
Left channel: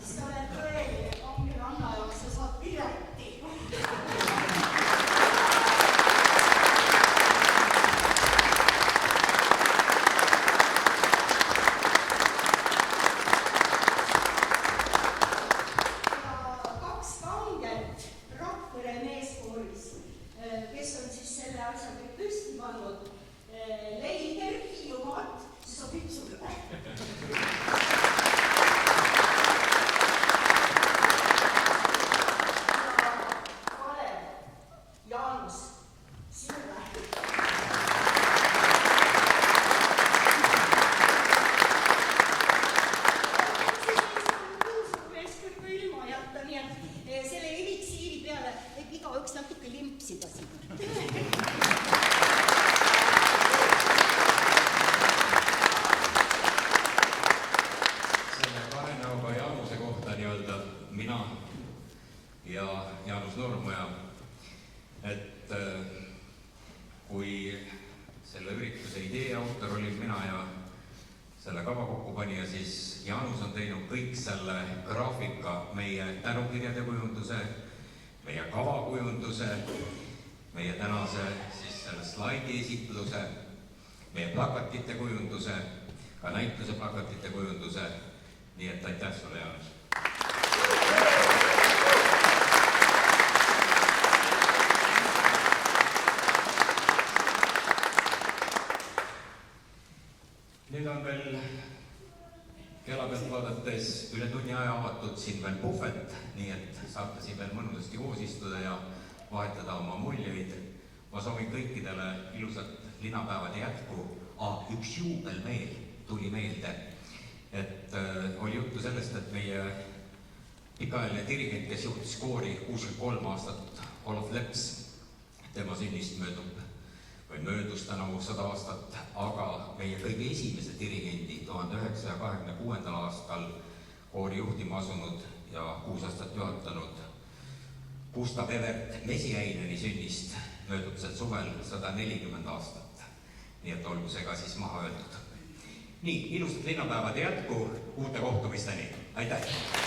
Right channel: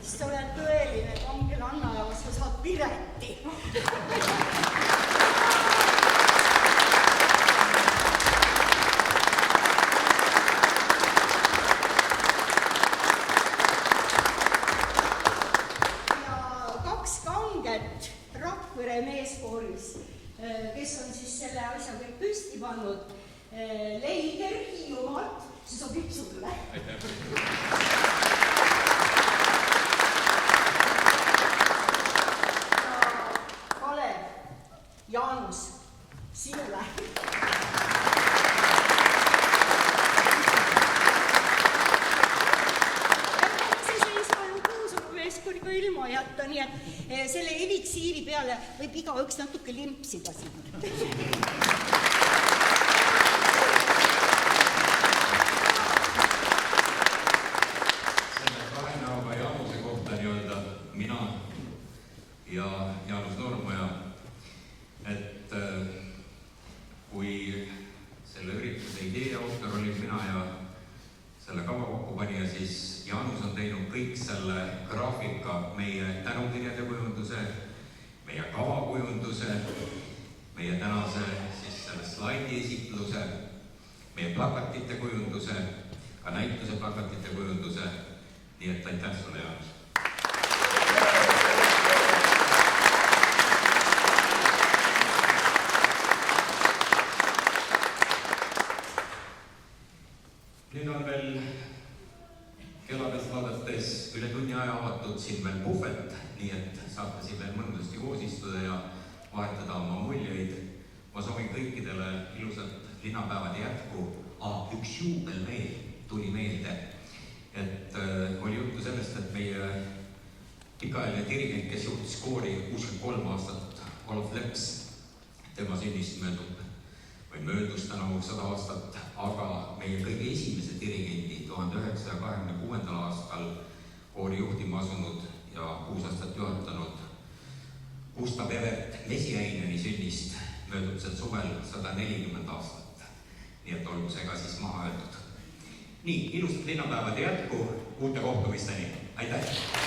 Sa oled tõeline kangelanna ja sa saad pileti. Ja kaks kanget Rakvere meeskooris, kes on siis selle asja kõik püsti pannud, Leiger Hiiumaalt, see sobib sulle. Selle eliksiiri peale võib igaüks natuke limpsida. Selle kahe näoga Jaanuse kohta nii-öelda mina ja Jaanus Noormaja, et kui selle ürituse idee autor olin mina ja selle kava kokkupanija, siis Jaanus on teinud kõik selle graafika, meie tänukirjade kujunduse, meie kava kujunduse, meie tänase siis selle slaidi esitluse, meie plakatite kujunduse, ka näituse plakatite kujunduse, nii et aitäh sulle, Jaanus! Nüüd on veel kella pealt vaadates üle tunni aja avatud siin veel puhvet, nii et saate siin veel mõnusasti koos istuda ja vahetada oma muljeid. Ma soovin kõikidele ilusat linnapäevade jätku. Üks juubel veel tuli meelde, et oli juttu sellest, et meie pikaajaline dirigent, kes juhtis koori 63 aastat, Olav Leps, tema sünnist möödus tänavu 100 aastat, aga meie kõige esimese dirigendi 1926. aastal koori juhtima asunud ja 6 aastat juhatanud Gustav Evert Mesiäineni sünnist möödub sel suvel 140 aastat. Nii et olgu see ka siis maha öeldud. Nii, ilusat linnapäevade jätku, uute kohtumisteni. Aitäh!